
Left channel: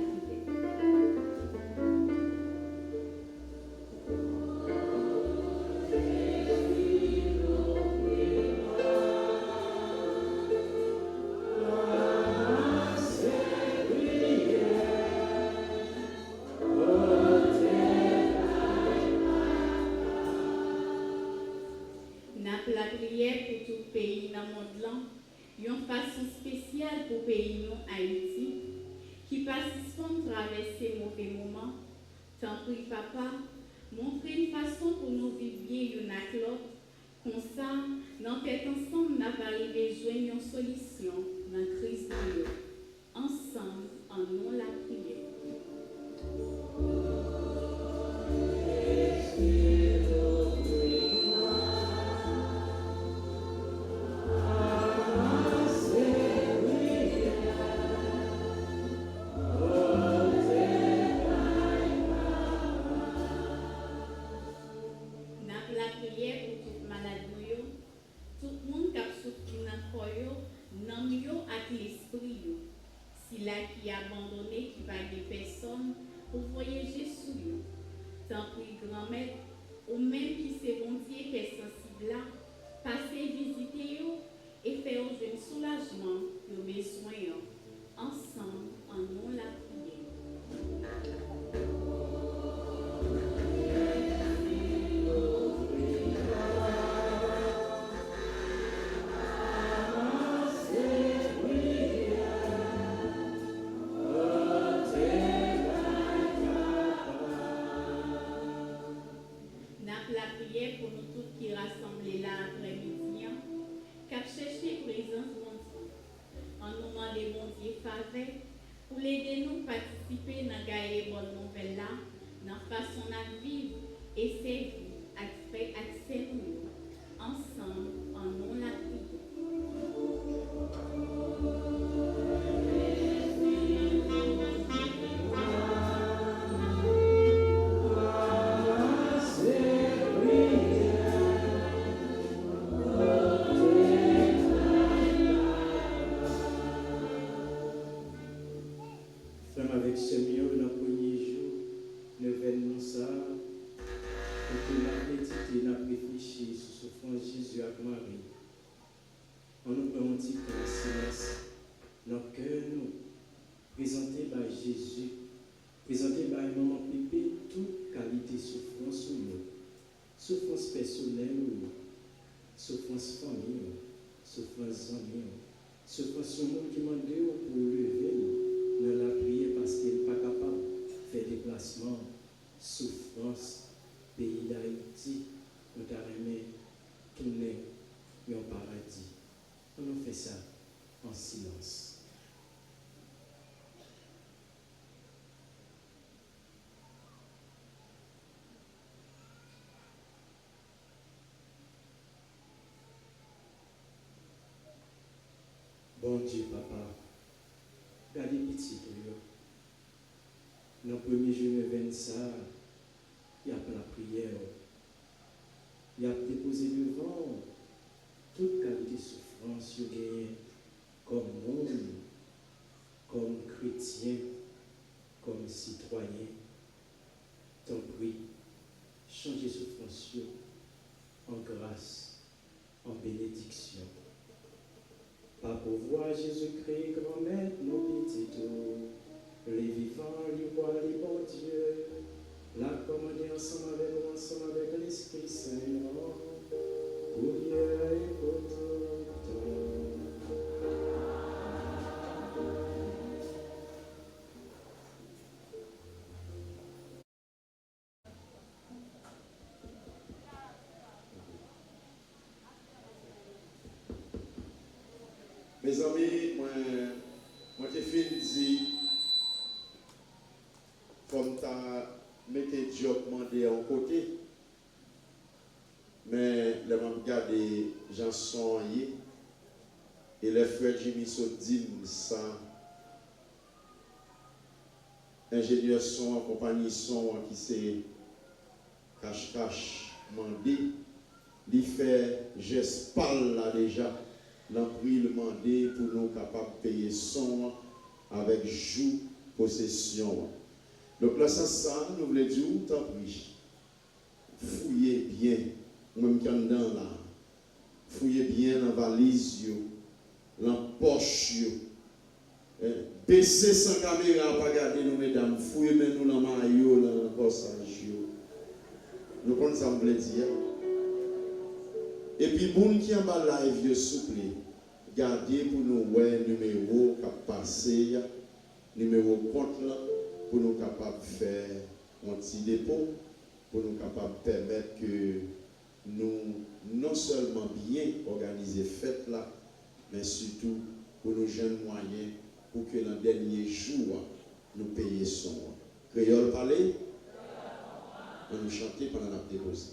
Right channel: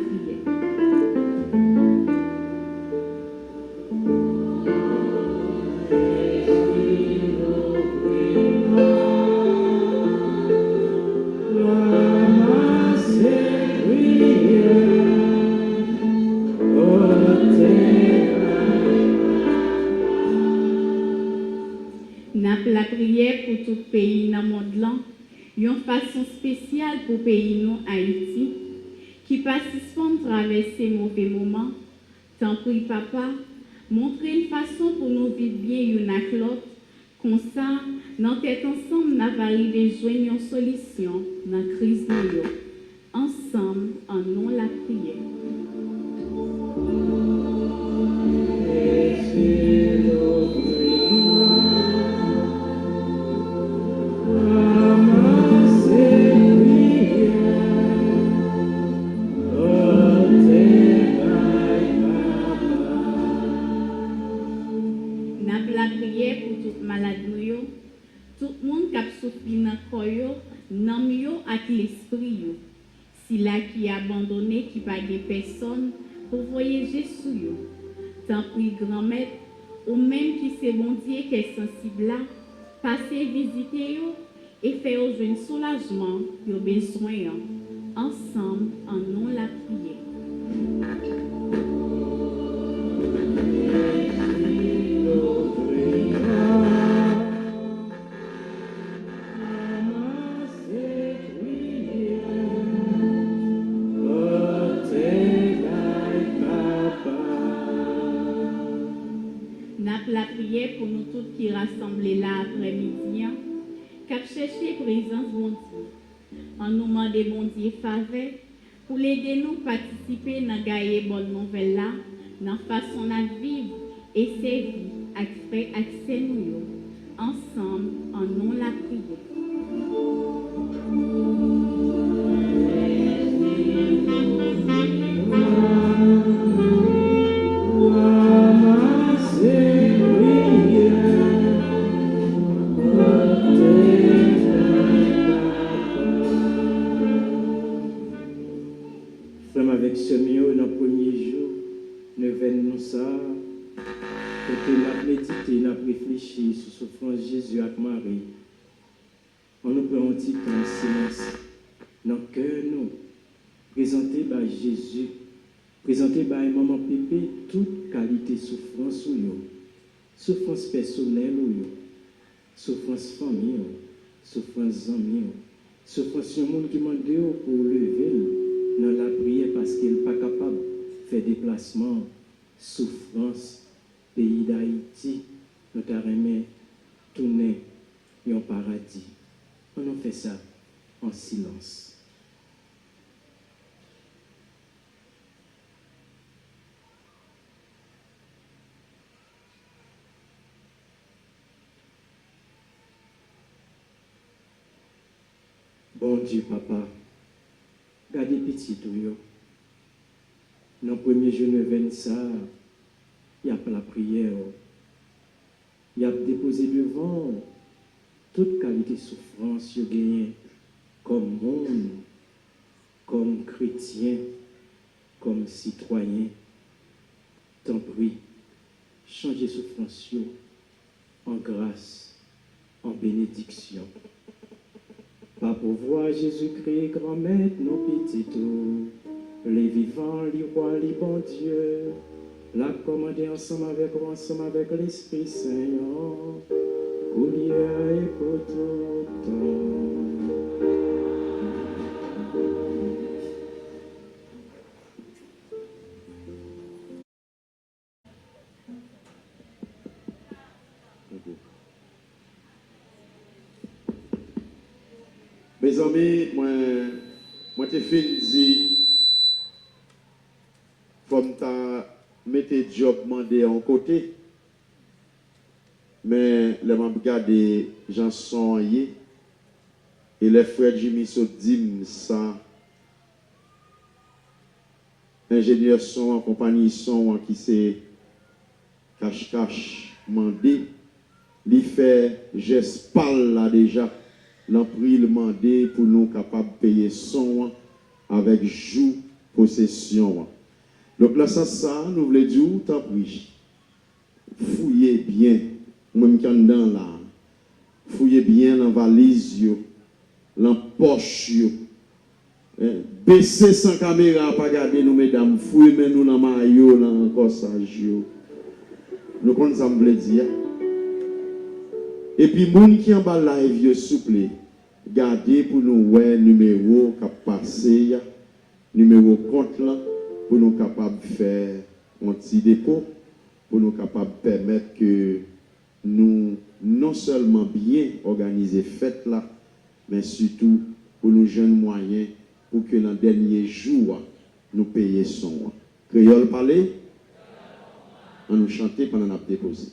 La prière pour tout pays dans le monde là, une façon spéciale pour le pays nous Haïti, qui participent à traverser mauvais moments. Tant pis papa, montrer une façon pour nous vivre bien une avec l'autre, comme ça, dans tête ensemble, nous avons arrivé à joindre une solution dans la crise de l'eau. Ensemble, en nom la prière. nan yo ak l'esprit yo. Si la qui abandonné qui pas de personne pour voyager sous yo. Tant pis grand-mère, ou même qui c'est bon Dieu qui est sensible là, passez visiter yo et faire au jeune soulagement yo besoin ensemble en nous la prière. La prière pour nous tous qui rassemblés là après-midi, cap chercher présence bon Dieu. En nous demandant bon Dieu faveur pour l'aider nous participer dans gagner bonne nouvelle là, dans façon de vivre et servir accès nous ensemble en nous la prière. Avec ce mieux, dans le premier jour, nous venons ça, et que nous médité, nous réfléchi sur la souffrance de Jésus avec Marie. On nous prend un petit temps en silence, dans le cœur, nous, présenter par Jésus, présenter par un maman pépé, toute qualité de souffrance ou yo, souffrance personnelle ou yo, souffrance famille, souffrance amis, souffrance du monde qui m'a dit pour lever. Dans la prière parce qu'il n'est pas capable de faire déplacement, souffrance, pays d'Haïti, nous avons tourner un paradis. On a fait ça en silence. Bon Dieu, Papa, gardez petit tout. Dans le premier jour de ça, il y a la prière. Il y a déposé devant toute qualité de souffrance qu'il gagne comme monde, comme chrétien, comme citoyen. Tant pis, changez souffrance en grâce, en bénédiction. Par pouvoir Jésus-Christ, grand maître, nos petits tout, les vivants, les rois, les bons dieux, la commander ensemble avec l'Esprit Saint, pour hier et pour tout temps. Mes amis, moi te fin dit, comme tu as mis job demandé en côté, mais les membres regardent gens sont et les frères Jimmy sont dit ça, ingénieurs sont en compagnie sont qui c'est cache-cache mandé, il fait geste parle là déjà. L'empris demandé pour nous capables de payer son avec joue possession. Donc là, ça, nous voulons dire, tant pis, fouillez bien, même qui en dans là, fouillez bien dans la valise, dans la poche, baissez sans caméra, pas regarder nous, mesdames, fouillez nous dans le maillot, dans le corsage. Nous connaissons ça, dire. Et puis, les gens qui en bas live, souple, gardez pour nous ouais numéro qui passé, numéro compte là, pour nous capables de faire un petit dépôt, pour nous capables de permettre que nous non seulement bien organiser fête là, mais surtout pour nous jeunes moyens pour que dans le dernier jour, nous payions son. Créole parler, on nous chanter pendant qu'on a déposé.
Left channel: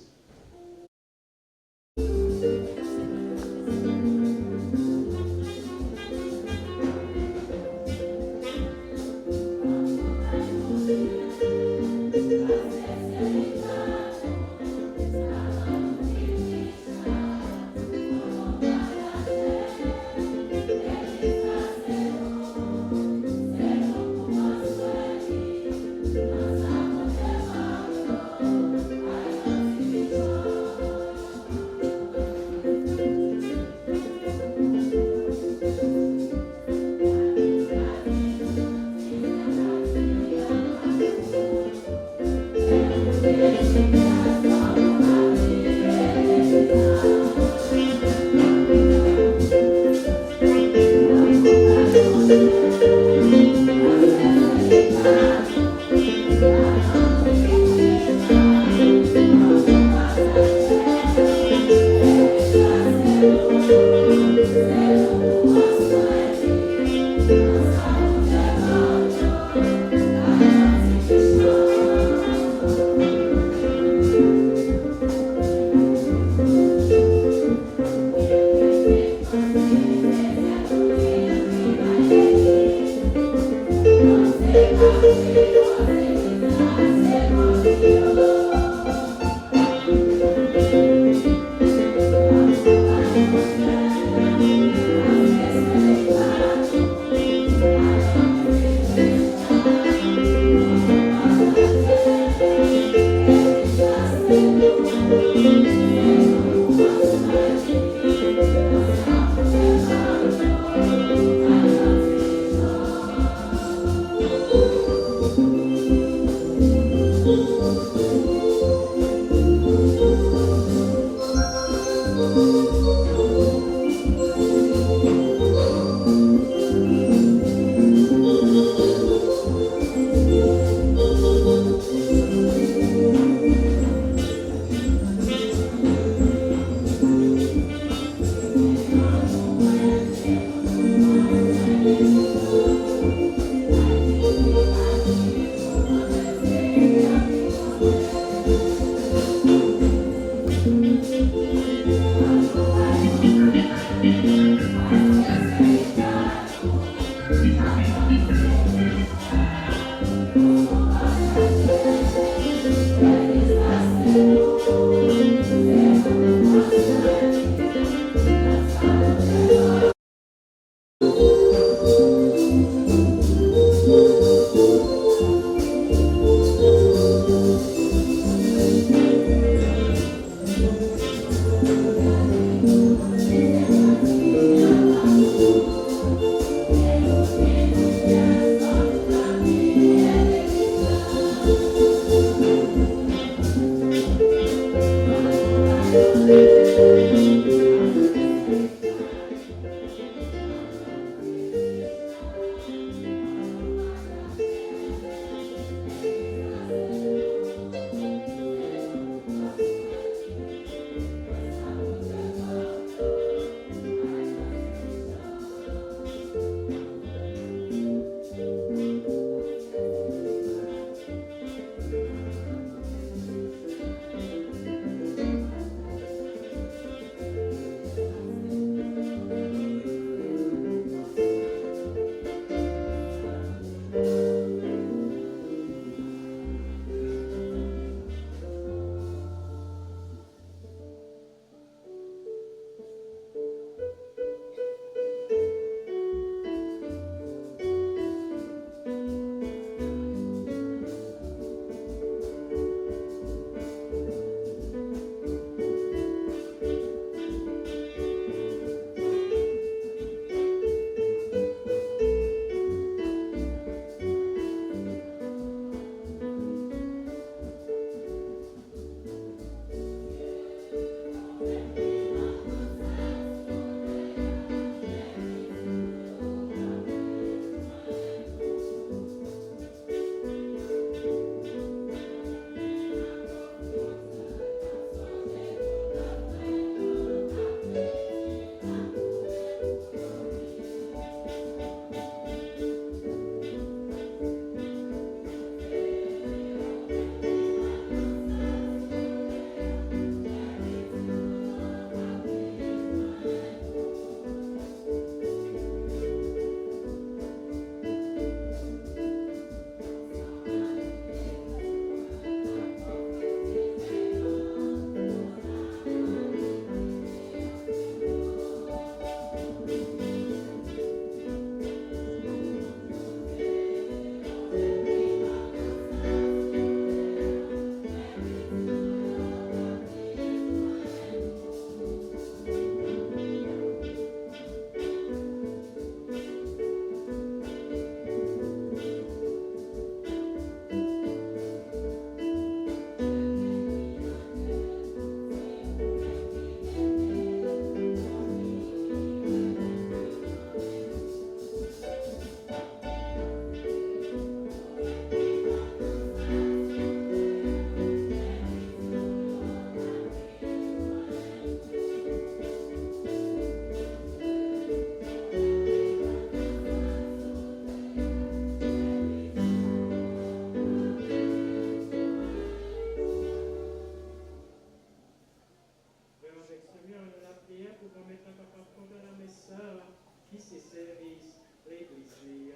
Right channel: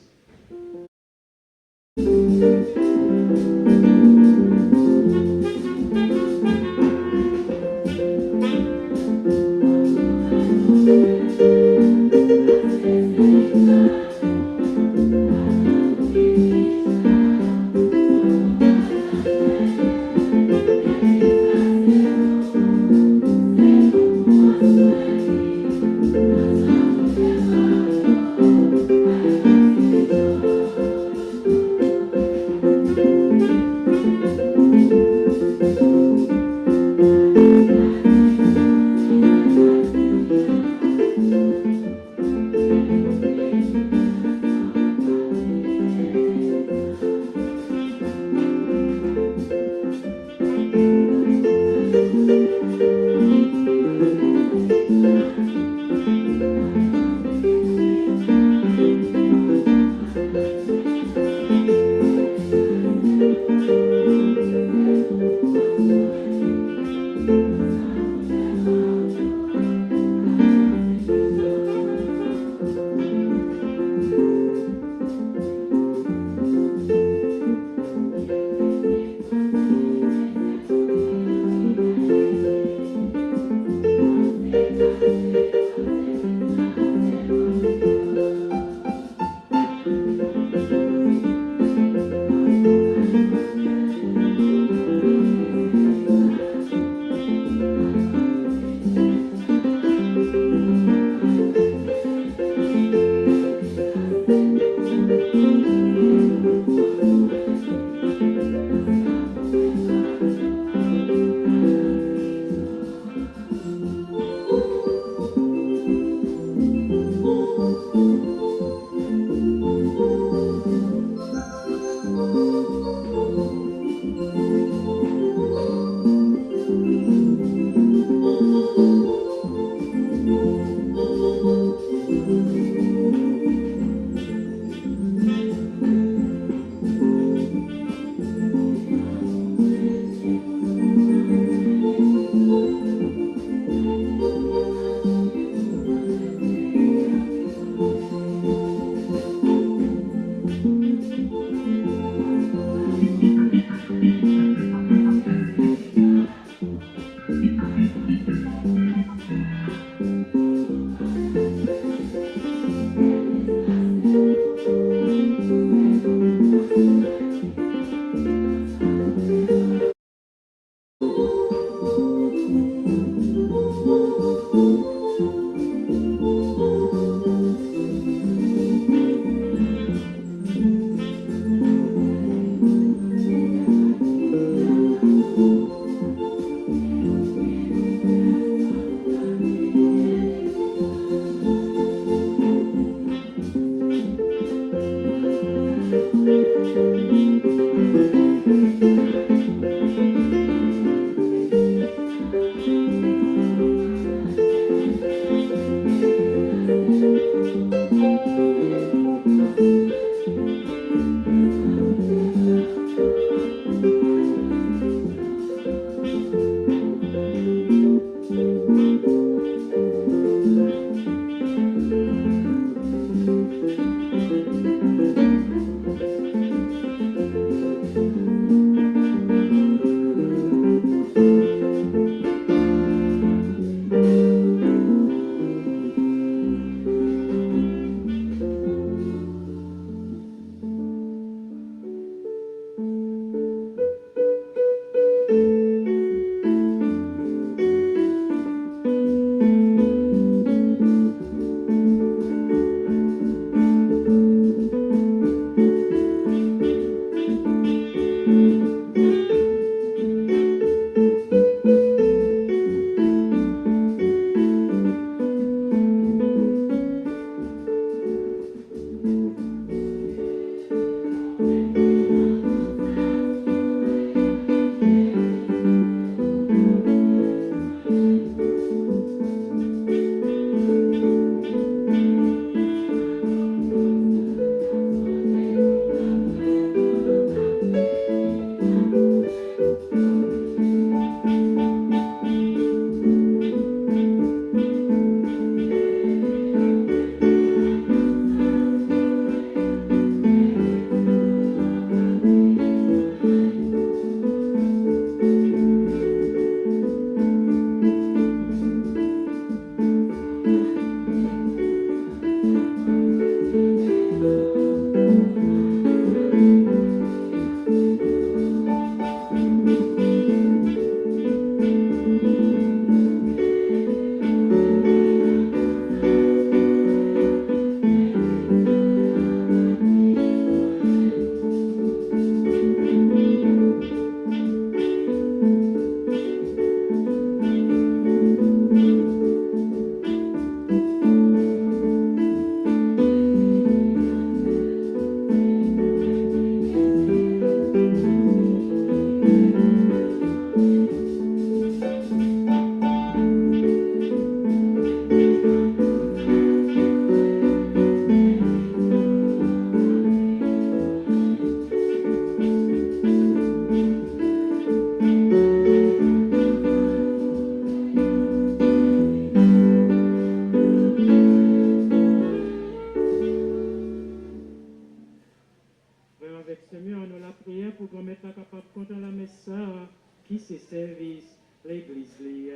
Christ, l'Église lia.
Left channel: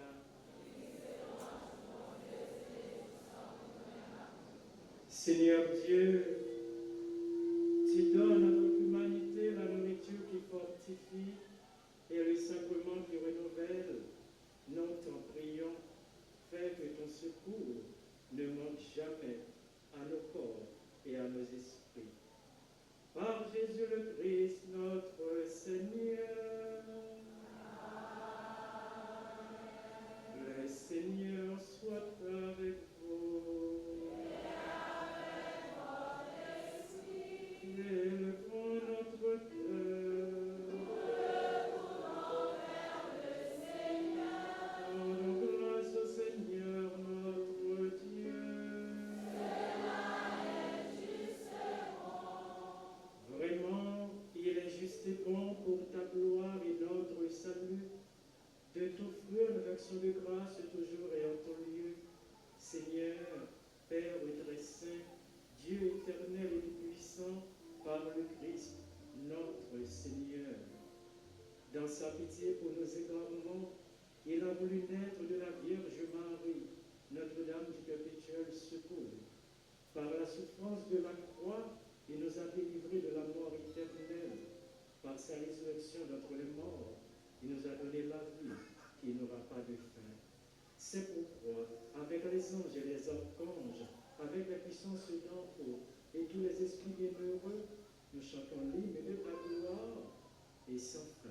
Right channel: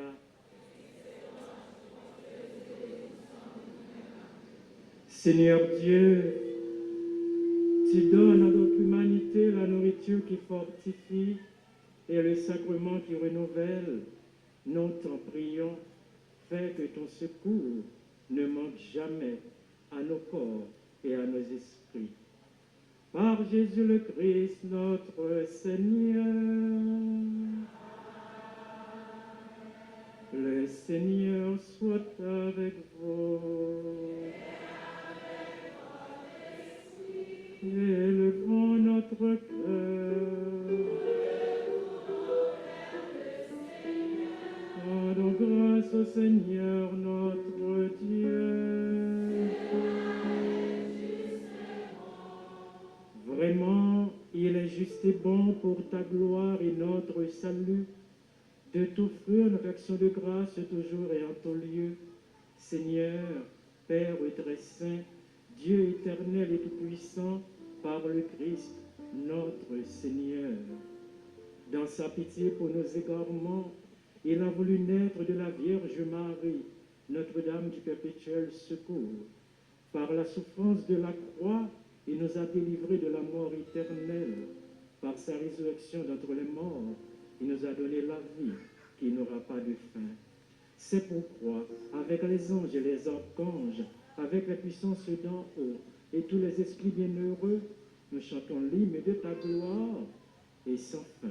Seigneur Dieu, tu donnes à notre humanité la nourriture qui fortifie et le sacrement qui renouvelle. Nous t'en prions, fais que ton secours ne manque jamais à nos corps et à nos esprits. Par Jésus le Christ, notre Seigneur. Le Seigneur soit avec vous. Élevons notre cœur. Rendons grâce au Seigneur notre Dieu. Vraiment, il est juste et bon pour ta gloire et notre salut de t'offrir une action de grâce toujours et en tout lieu. Seigneur, Père très saint, Dieu éternel et tout-puissant, par le Christ, notre Seigneur. Dans sa pitié pour nos égarements, il a voulu naître de la Vierge Marie, Notre-Dame du perpétuel secours. Par la souffrance de la croix, il nous a délivrés de la mort éternelle. Par sa résurrection d'entre les morts, il nous a donné la vie qui n'aura pas de fin. C'est pourquoi, avec les anges et les archanges, avec la puissance d'en haut et tous les esprits bienheureux, nous chantons l'hymne de ta gloire et sans fin.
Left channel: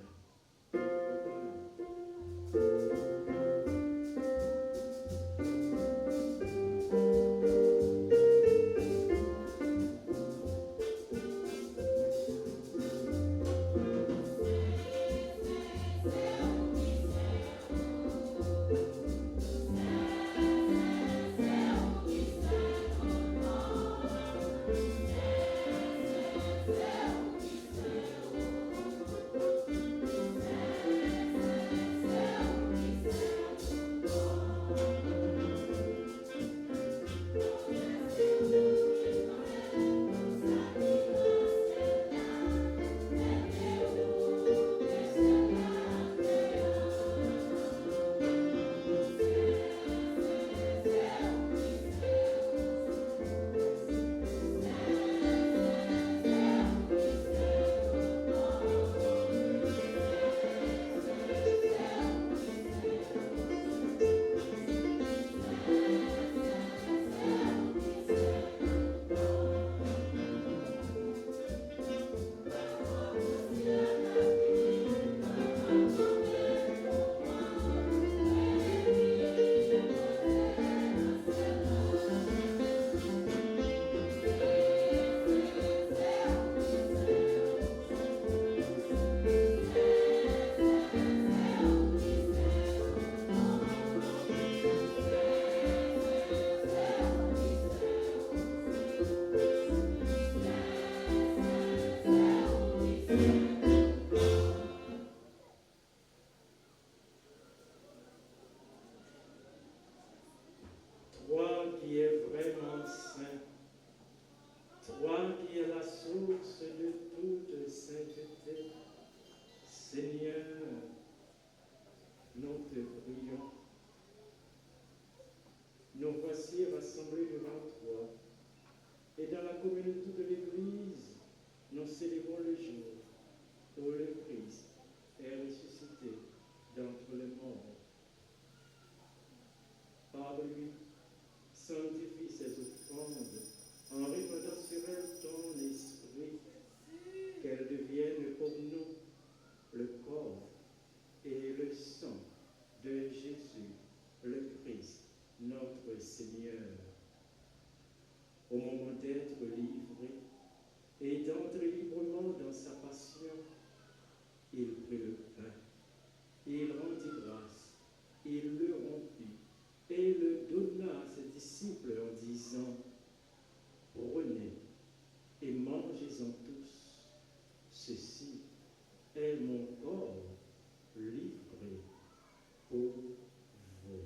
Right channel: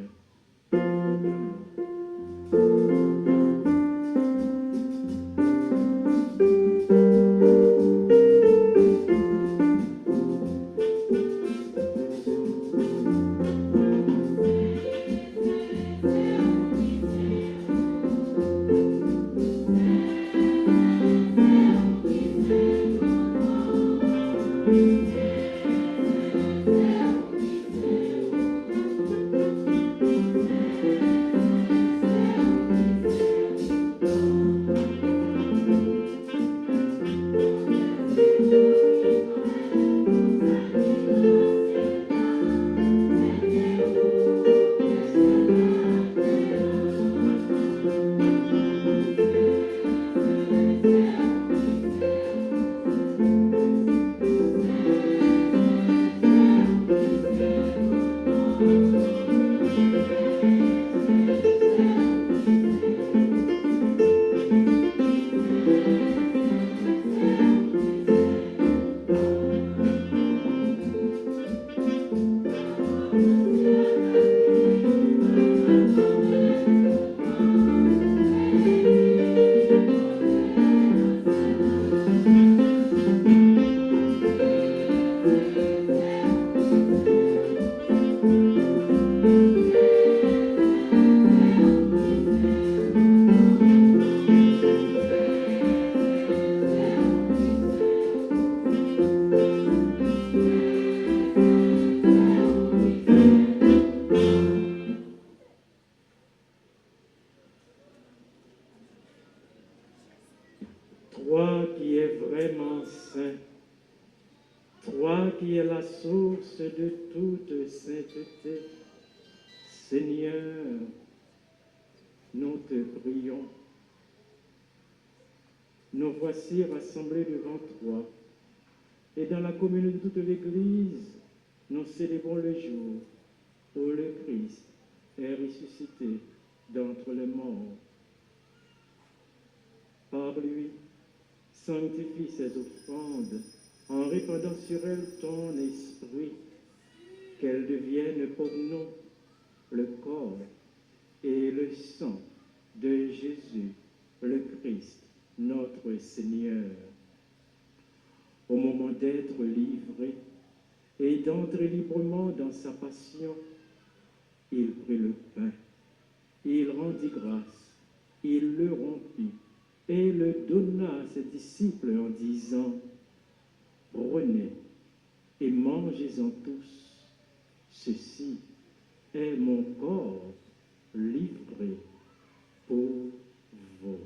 Toi qui es vraiment saint, toi qui es la source de toute sainteté, Seigneur, nous te prions. Nous voici rassemblés devant toi, et dans la communion de toute l'Église, nous célébrons le jour où le Christ est ressuscité d'entre les morts. Par lui, sanctifie ces offrandes en répandant sur elles ton esprit, qu'elles deviennent pour nous le corps et le sang de Jésus, le Christ, notre Seigneur. Au moment d'être livré et d'entrer librement dans sa passion, il prit le pain, il rendit grâce, il le rompit et le donna à ses disciples en disant: prenez et mangez-en tous, ceci est mon corps livré pour vous.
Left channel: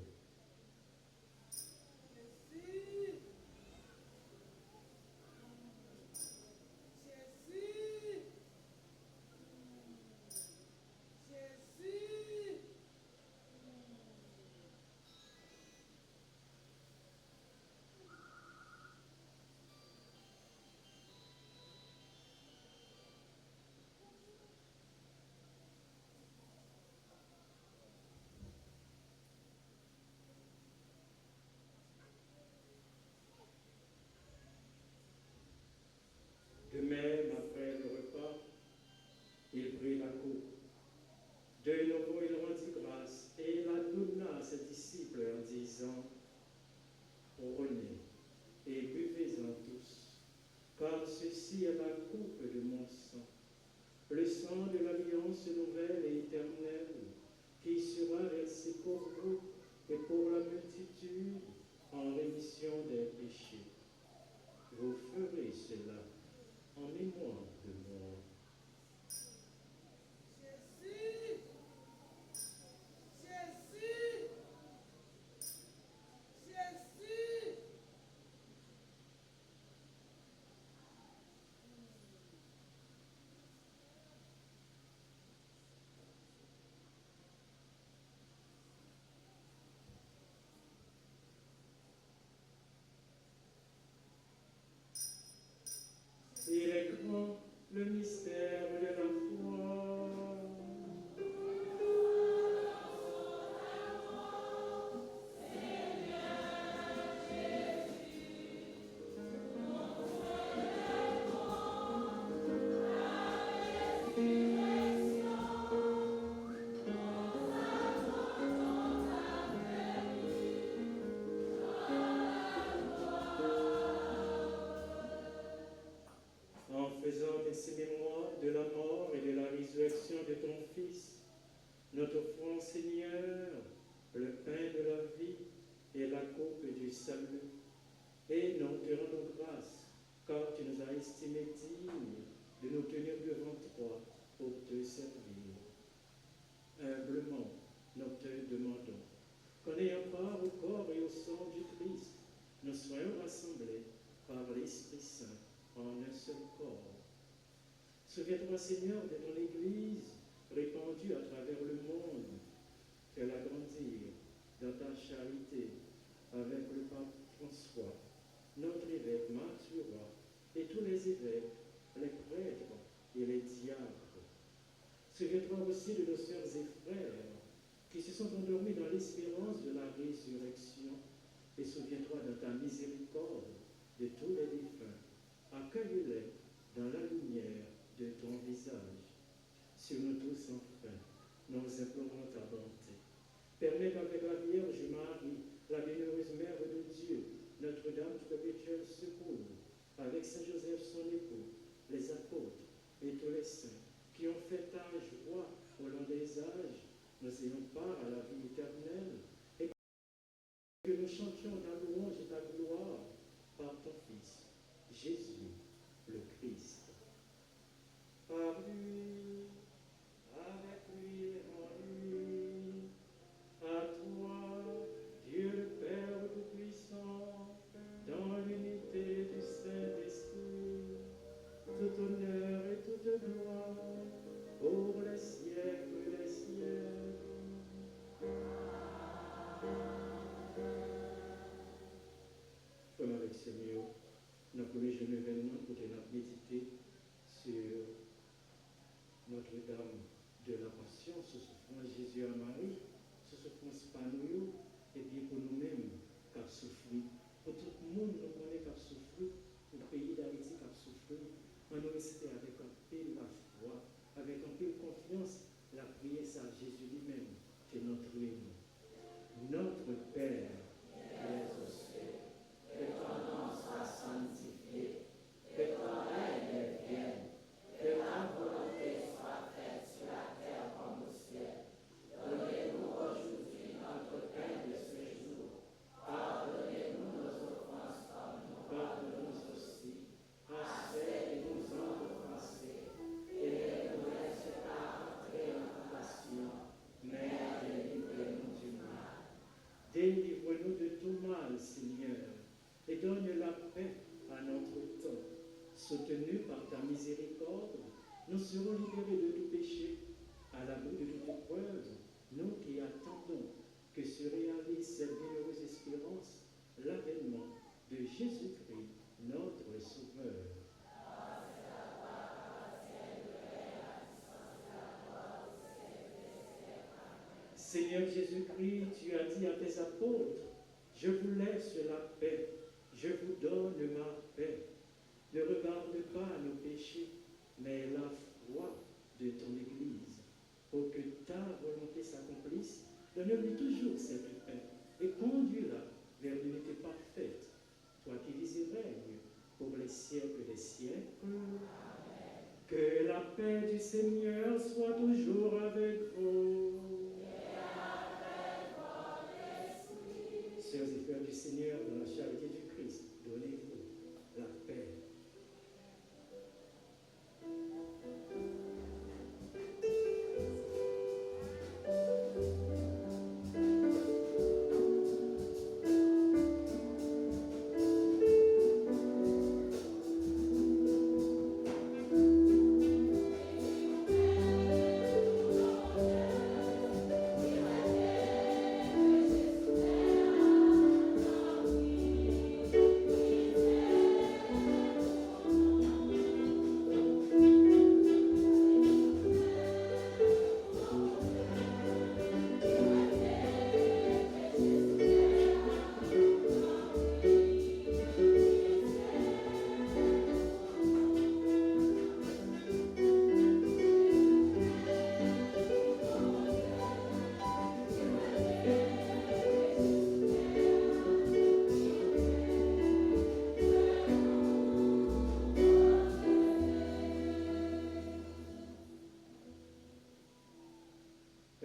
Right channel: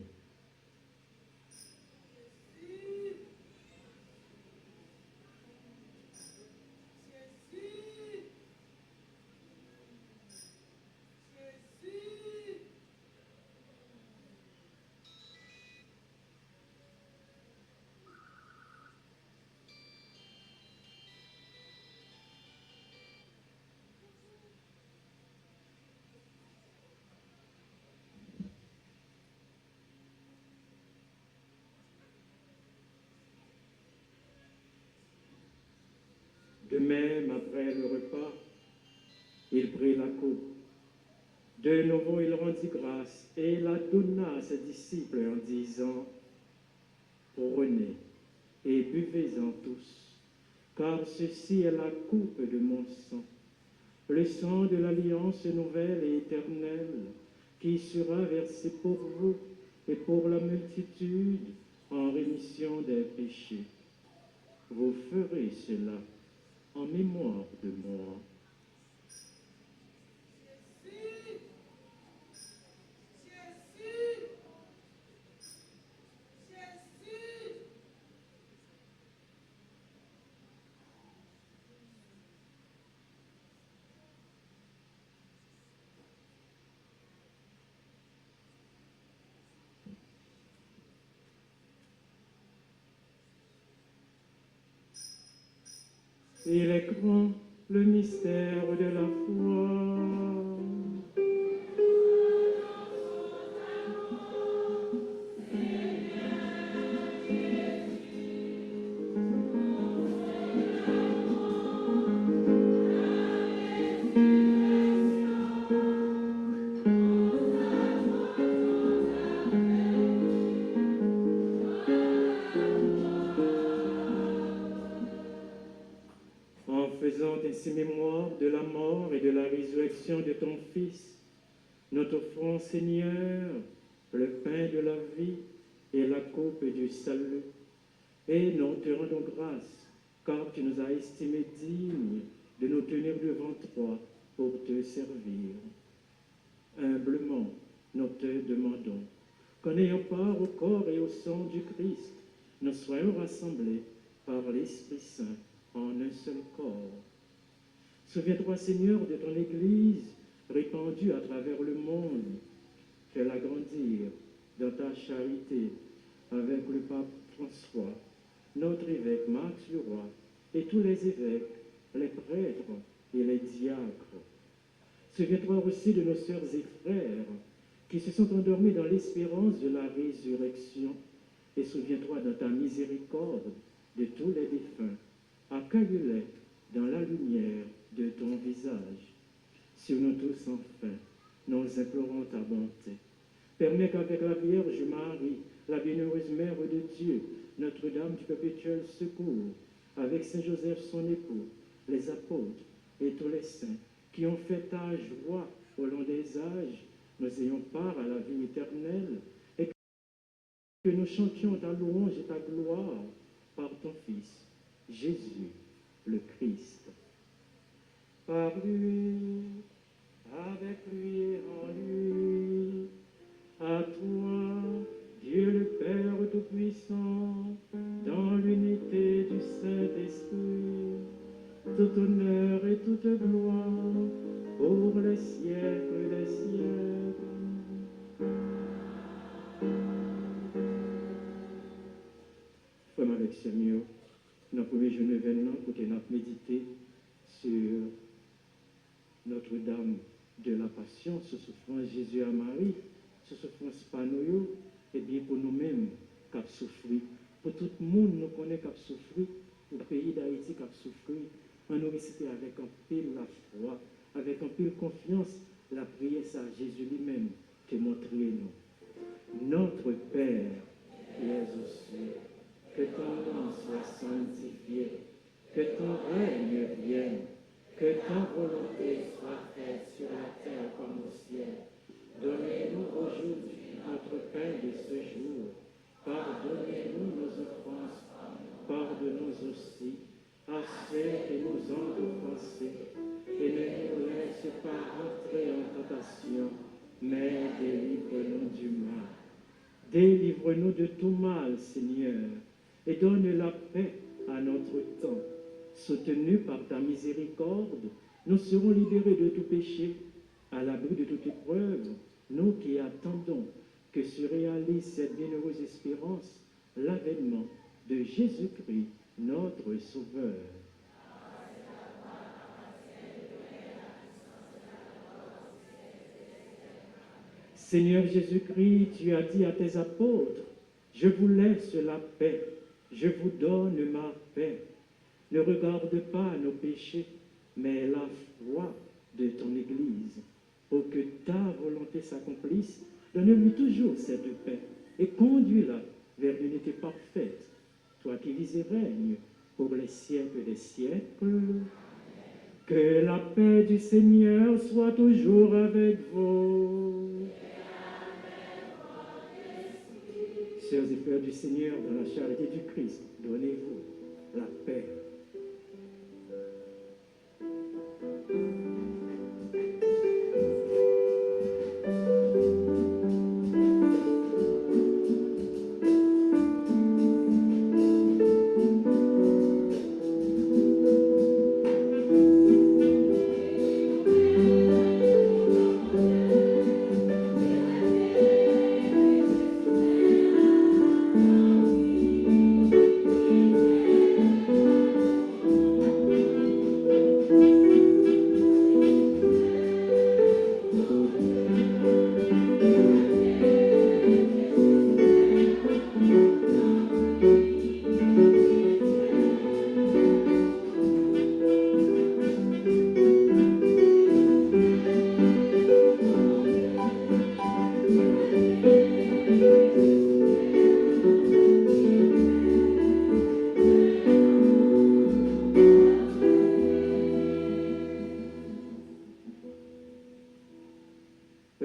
après le repas, il prit la coupe. De nouveau, il rendit grâce et la donna à ses disciples en disant, « Prenez et buvez-en tous, car ceci est la coupe de mon sang, le sang de l'alliance nouvelle et éternelle, qui sera versé pour vous et pour la multitude en rémission des péchés. Vous ferez cela en mémoire de moi. » Il est grand le mystère de la foi. En faisant ainsi mémoire de la mort et de la résurrection de ton Fils, nous t'offrons, Seigneur, le pain de la vie et la coupe du salut. Et nous te rendons grâce, car tu nous as estimés dignes de nous tenir devant toi pour te servir. Humblement, nous te demandons qu'en ayant part au corps et au sang du Christ, nous soyons rassemblés par l'Esprit Saint en un seul corps. Souviens-toi, Seigneur, de ton Église répandue à travers le monde. Fais-la grandir dans ta charité avec le pape François, notre évêque Marc Leroy et tous les évêques, les prêtres et les diacres. Souviens-toi aussi de nos sœurs et frères qui se sont endormis dans l'espérance de la résurrection. Et souviens-toi dans ta miséricorde de tous les défunts. Accueille-les dans la lumière de ton visage. Sur nous tous, enfin, nous implorons ta bonté. Permets qu'avec la Vierge Marie, la bienheureuse Mère de Dieu, Notre-Dame du perpétuel secours, avec Saint Joseph son époux, les apôtres et tous les saints qui ont fait ta joie au long des âges, nous ayons part à la vie éternelle et que nous chantions ta louange et ta gloire par ton Fils, Jésus, le Christ. Par lui, avec lui et en lui, à toi, Dieu le Père Tout-Puissant, dans l'unité du Saint-Esprit, tout honneur et toute gloire pour les siècles des siècles. Frère avec Seigneur, dans le premier jour événement, pour que nous méditer sur Notre-Dame de la Passion, sur souffrance Jésus à Marie, sur souffrance Panoyo, et bien pour nous-mêmes qui avons souffert, pour tout le monde nous connaît qui a souffert, pour le pays d'Haïti qui a souffert, on nous réciter avec un pile la foi, avec un pile confiance, la prière à Jésus lui-même qui montre nous. Notre Père qui es aux cieux, que ton nom soit sanctifié, que ton règne vienne, que ta volonté soit faite sur la terre comme au ciel. Donnez-nous aujourd'hui notre pain de ce jour. Pardonnez-nous nos offenses, pardonnons aussi à ceux qui nous ont offensés. Et ne nous laisse pas entrer en tentation, mais délivre-nous du mal. Délivre-nous de tout mal, Seigneur, et donne la paix à notre temps. Soutenus par ta miséricorde, nous serons libérés de tout péché, à l'abri de toute épreuve, nous qui attendons que se réalise cette bienheureuse espérance, l'avènement de Jésus-Christ, notre Sauveur. Seigneur Jésus-Christ, tu as dit à tes apôtres, « Je vous laisse la paix, je vous donne ma paix. Ne regarde pas nos péchés, mais la foi de ton Église, pour que ta volonté s'accomplisse. Donne-lui toujours cette paix et conduis-la vers l'unité parfaite, toi qui vis et règnes pour les siècles des siècles. Que la paix du Seigneur soit toujours avec vous. Sœurs et frères du Seigneur, dans la charité du Christ, donnez-vous la paix.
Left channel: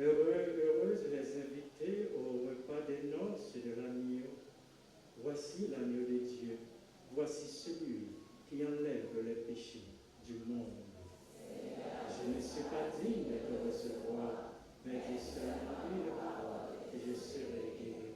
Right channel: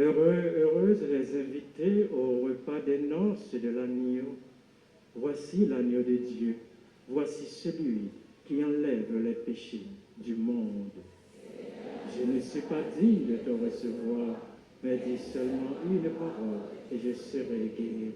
Heureuses les invités au repas des noces de l'agneau. Voici l'agneau de Dieu. Voici celui qui enlève les péchés du monde. Je ne suis pas digne de te recevoir, mais dis seulement une parole et je serai guéri.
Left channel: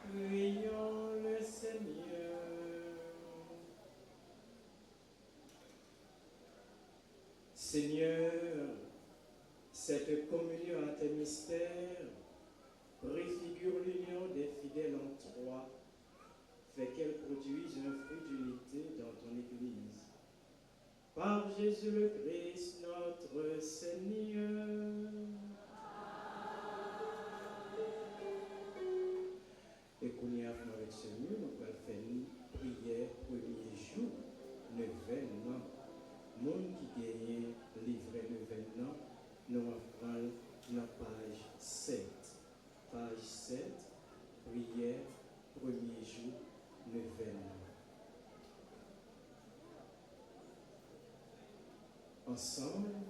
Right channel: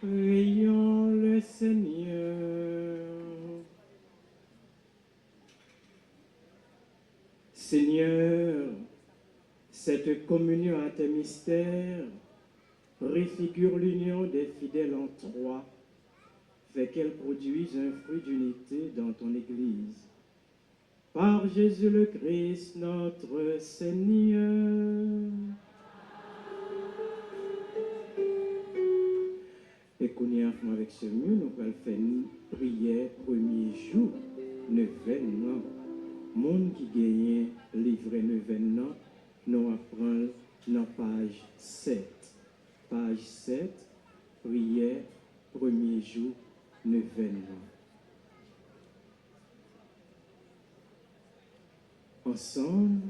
Prions le Seigneur. Seigneur, cette communion à tes mystères préfigure l'union des fidèles en toi, fait qu'elle produise un fruit d'unité dans ton Église. Par Jésus le Christ, notre Seigneur. Et qu'on y a avec ce mieux, nous allons faire une prière premier jour, 9e an. Monde qui gagne livre 9e an, nous apprenons dans page 7. Page 7, prière premier jour, 9e an. Ensemble,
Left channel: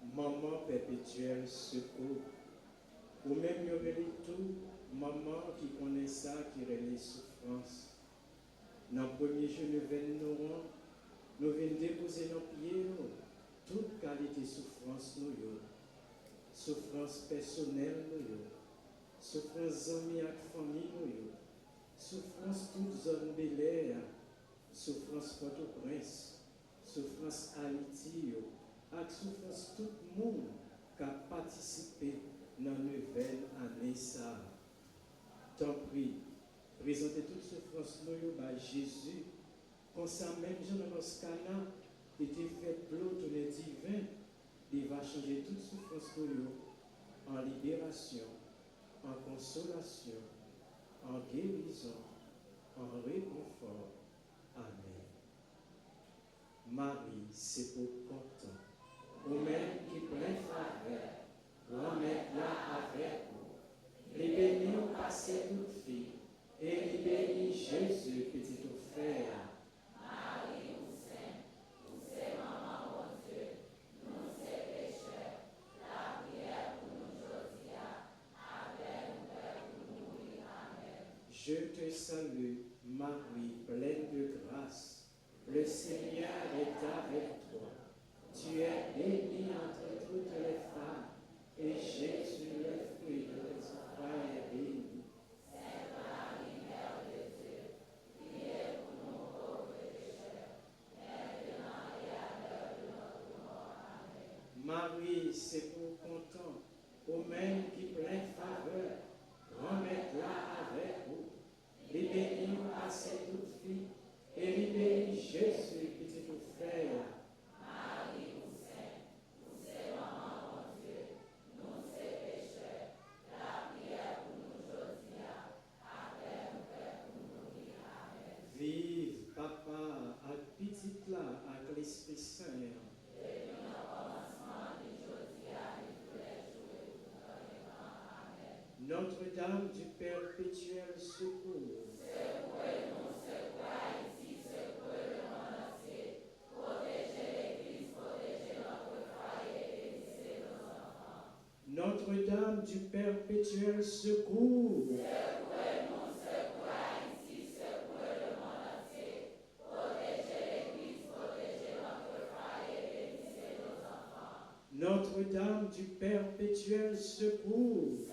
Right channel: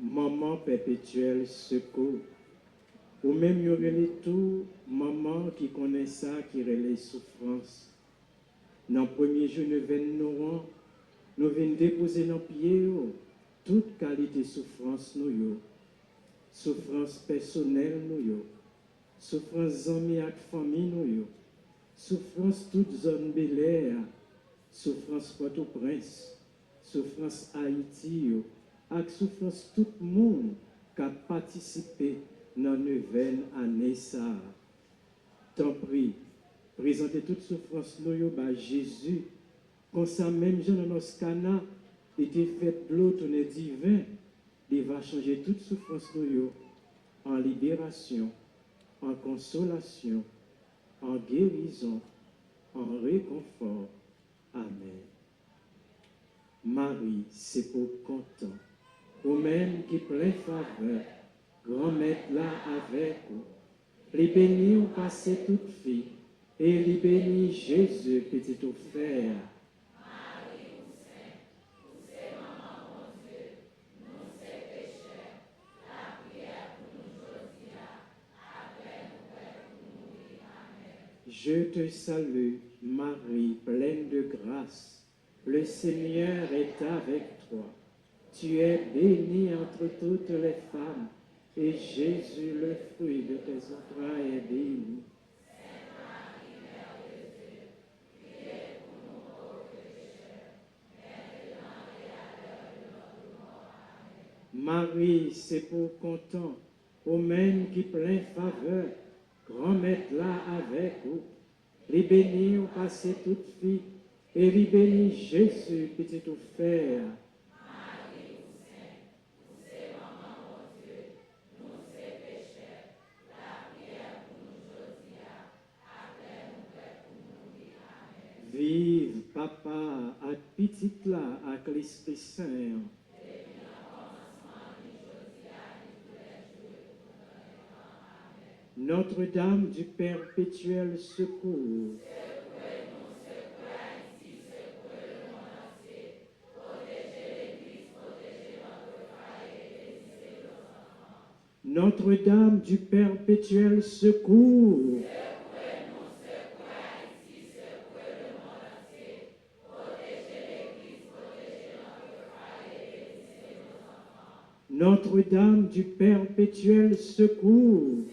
maman perpétuelle secours. Ou même, il y aurait tout maman qui connaît ça, qui relève souffrance. Dans le premier jour, nous venons déposer dans les pieds toute qualité de souffrance, souffrance personnelle, souffrance amis et famille, souffrance toute zone Bel-Air, souffrance Port-au-Prince, souffrance Haïti, et souffrance tout le monde qui a participé dans la 9e année. Tant pis, présentez toute souffrance à Jésus. Comme ça, même Jean dans nos cana était fait de l'eau tourné divin, il va changer toute souffrance en libération, en consolation, en guérison, en réconfort. Amen. Marie, c'est pour content, ou même qui plein faveur, grand-mère là avec vous. Les bénis ont passé toute fille, et les bénis Jésus, petit offert. Je te salue, Marie, pleine de grâce. Le Seigneur est avec toi. Tu es bénie entre toutes les femmes, et Jésus, le fruit de tes entrailles, est béni. Marie, c'est pour content, au même qui plein faveur, grand-mère là avec vous. Les bénis ont passé toute fille, et les bénis Jésus, petit offert. Vive papa, à petite là, à l'Esprit Saint. Notre-Dame du perpétuel secours. Notre-Dame du perpétuel secours. Notre-Dame du perpétuel secours.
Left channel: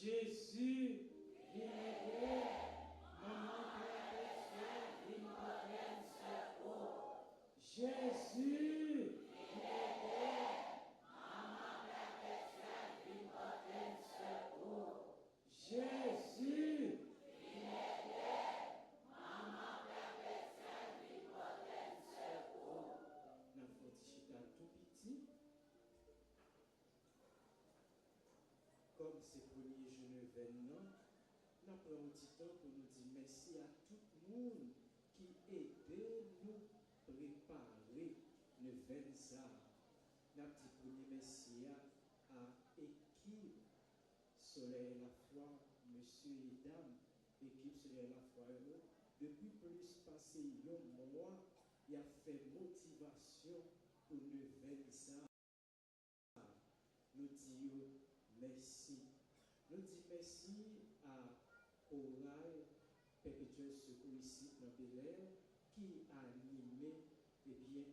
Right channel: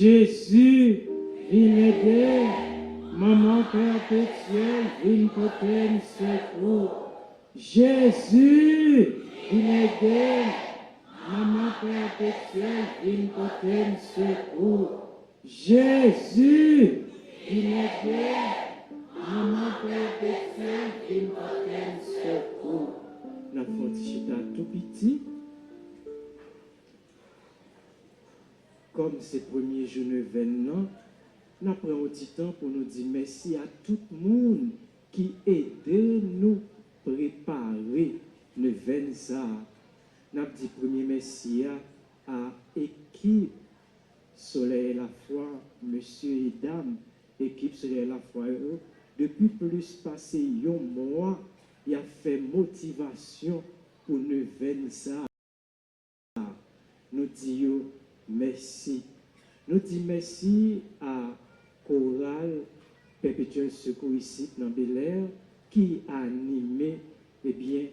Jésus, viens aider. Maman perpétuelle, viens porter secours. Jésus, viens aider. Maman perpétuelle, viens porter secours. Jésus, viens aider. Maman perpétuelle, viens porter secours. La chita tout petit. Comme ces premiers jours de l'événement, nous prenons un petit temps pour nous dire merci à tout le monde qui aide nous préparer le 20 ans. Nous dit premier merci à l'équipe Soleil et la foi, monsieur et dame, équipe Soleil et la foi. Depuis plus passé un mois, il a fait motivation pour le 20 ans. Nous disons merci. Nous disons merci à Chorale Perpétuel Secours ici dans Bel Air qui a animé, eh bien,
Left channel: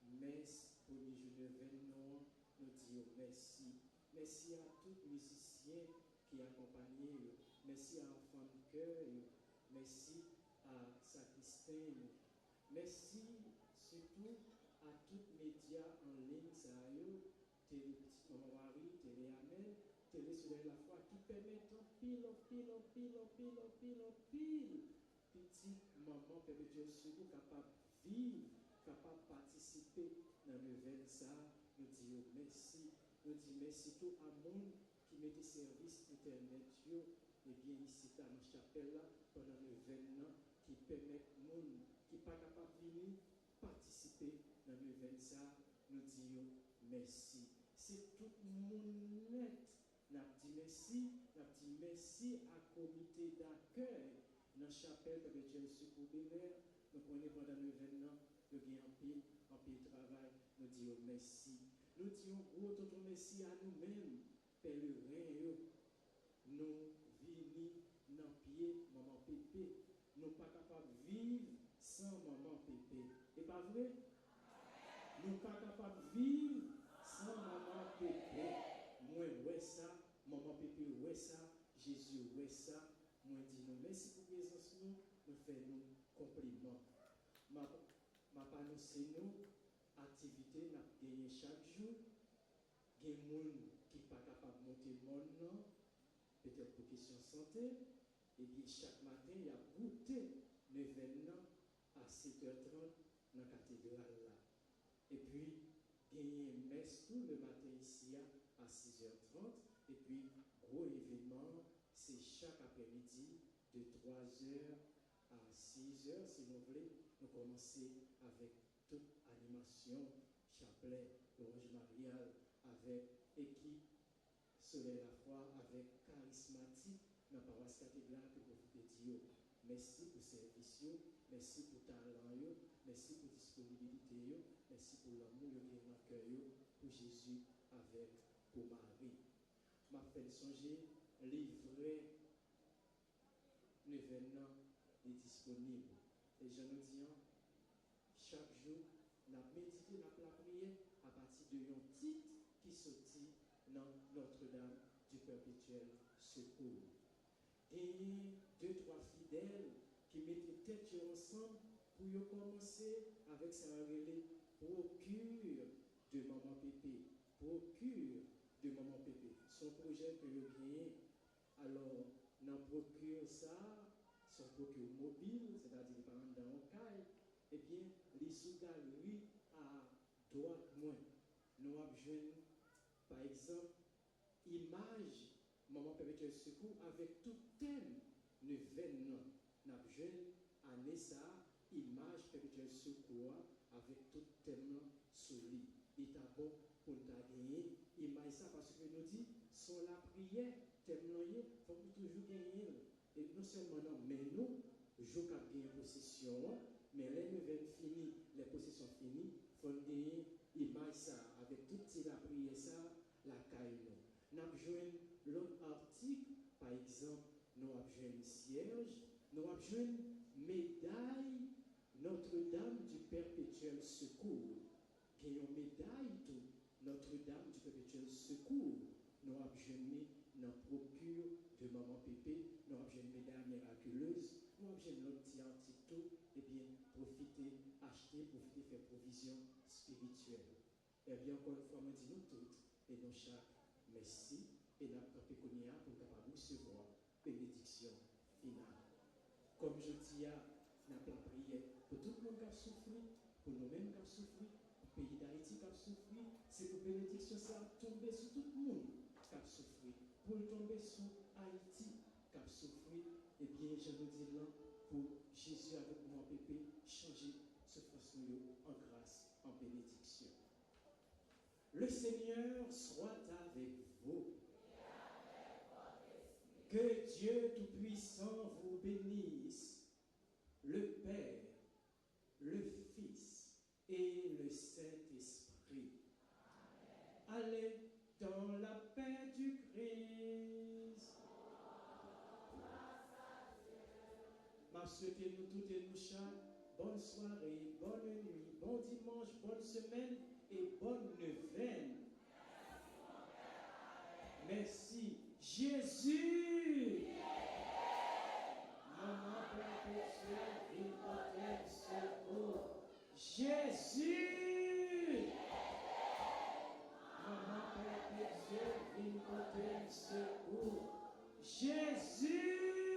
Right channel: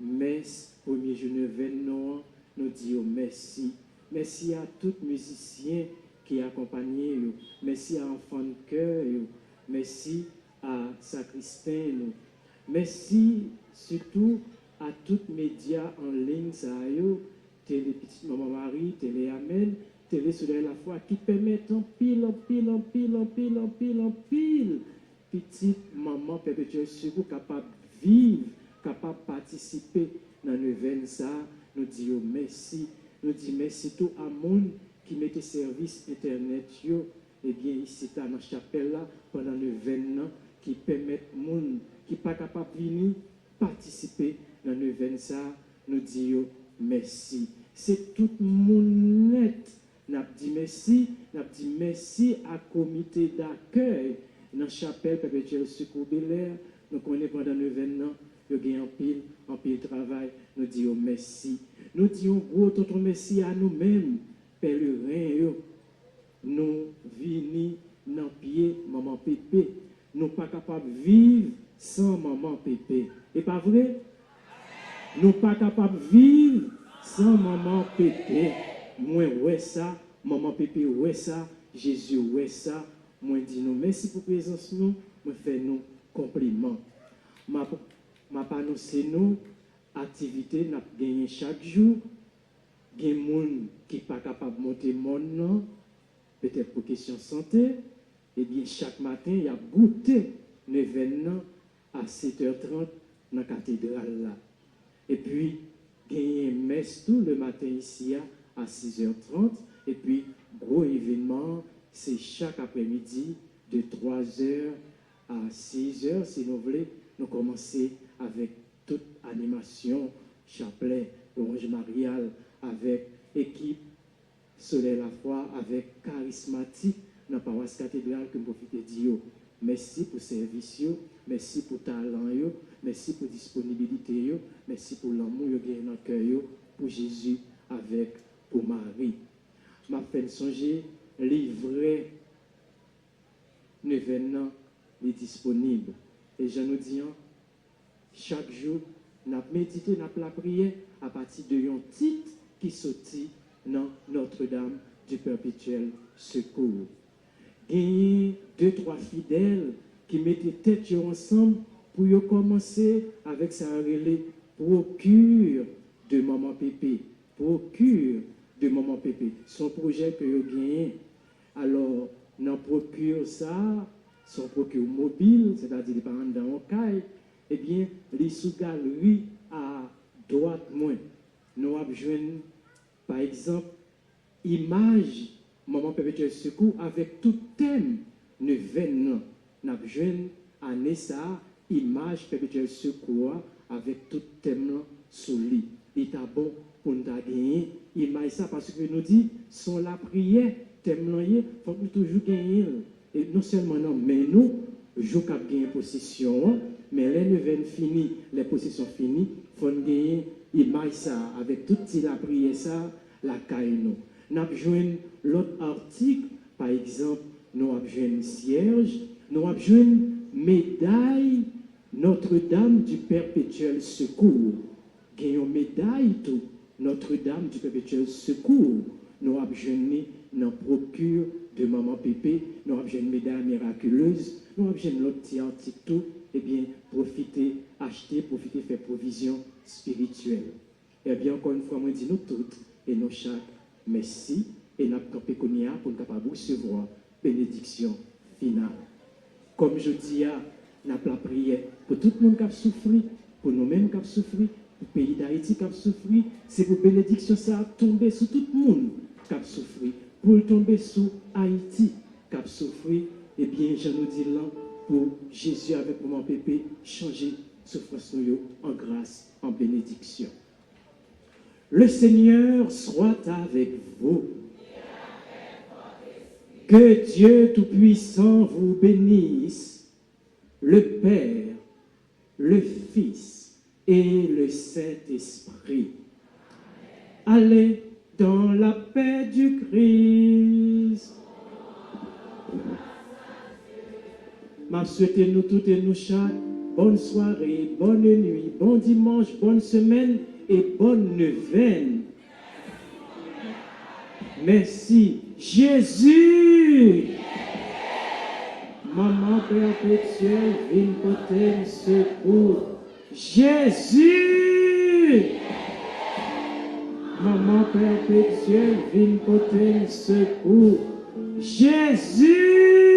messe premier jour de l'événement. Nous disons merci. Merci à tous les musiciens qui accompagnent. Merci à Enfants de Cœur. Merci à Sacristain. Merci surtout à tous les médias en ligne, Télé Petite Maman Marie, Télé Amen, Télé Soleil la foi, qui permettent en pile, petite maman perpétuelle secours capable de vivre, capable de participer dans l'événement ça. Nous disons merci. Nous disons merci tout à monde qui mettait service internet yo, et bien ici dans la chapelle là pendant l'événement qui permettent monde qui pas capable de venir participer dans l'événement ça. Nous disons merci. C'est tout le monde net. Nous dit merci à comité d'accueil dans la chapelle perpétuelle Secours Bel Air. Nous connaissons pendant l'événement, il y a un pile travail. Nous disons merci. Nous disons gros tonton merci à nous-mêmes, pèlerins. Nous venons dans pied maman Pépé. Nous pas capables de vivre sans maman Pépé. Et pas vrai? Nous pas capables de vivre sans maman Pépé. Moi, ouais ça, maman Pépé, ouais ça, Jésus, ouais ça. Moi, dis nous merci pour la présence, nous, moi, fais nous compliments. Ma annoncé nous, activité, n'a gagné chaque jour. Il y a des gens qui ne sont pas capables de monter mon nom, peut-être pour question santé. Eh bien, chaque matin, il y a goûté l'événement à 7h30 dans la cathédrale là. Et puis, il y a une messe tout le matin ici à 6h30. Et puis, gros événement, c'est chaque après-midi de 3h à 6h, si vous voulez. Nous commençons avec toute animation, chapelet, orange marial, avec équipe Soleil la foi, avec charismatique dans la paroisse cathédrale que vous profitez de dire. Merci pour service, merci pour talent, merci pour disponibilité, merci pour l'amour que vous avez dans le cœur pour Jésus avec pour Marie. Ma peine songer, livret, l'événement est disponible. Et je nous dis, chaque jour, nous avons médité, nous avons la prière à partir de un titre qui sortit dans Notre-Dame du Perpétuel Secours. Il y a 2-3 fidèles qui mettaient tête ensemble pour commencer avec sa relais procure de Maman Pépé. Procure de Maman Pépé. Son projet que vous gagnez. Alors, nous procure ça, son procure mobile, c'est-à-dire les parents dans un caille, eh bien, les sous-galeries à droite moins. Nous avons besoin, par exemple, image Maman Perpétuel Secours avec tout thème de 20 ans. Nous avons besoin, année ça, image Perpétuel Secours avec tout thème sous lui. Il est bon pour nous gagner image ça parce que nous dit, sont la prière, thème il faut que nous toujours gagner. Et non seulement non, mais nous, je cap gagner possession, mais les neuvaines finies, les possessions finies, il faut gagner image ça, avec toute la prière ça, la caille nous. Nous avons besoin l'autre article, par exemple, nous avons besoin cierge, nous avons besoin médaille Notre-Dame du Perpétuel Secours. Gagnons médaille tout, Notre-Dame du Perpétuel Secours. nous avons jeûné dans la procure de Maman Pépé, nous avons jeûné Mesdames Miraculeuses, nous avons jeûné l'autre petit article tout, eh bien, profitez, achetez, profitez, faire provision spirituelle. Eh bien, encore une fois, moi, je dis nous toutes et nous chaque, merci, et nous avons campé pour nous capable recevoir bénédiction finale. Comme je dis, nous avons la prière pour tout le monde qui a souffert, pour nous-mêmes qui a souffert, pour le pays d'Haïti qui a souffert, c'est pour bénédiction ça a tombé sur tout le monde qui a souffert, pour tomber sur Haïti qui a souffert, eh bien, je nous dis là, pour Jésus avec Maman Pépé, changer souffrance en grâce, en bénédiction. Le Seigneur soit avec vous. Que Dieu Tout-Puissant vous bénisse, le Père, le Fils et le Saint-Esprit. Allez dans la paix du Christ. Je souhaite nous toutes et nous chaque bonne soirée, bonne nuit, bon dimanche, bonne semaine et bonne neuvaine. Merci. Jésus! Maman perpétuelle, vigne potente, secours. Jésus! Maman perpétuelle, vigne potente, secours. Jésus!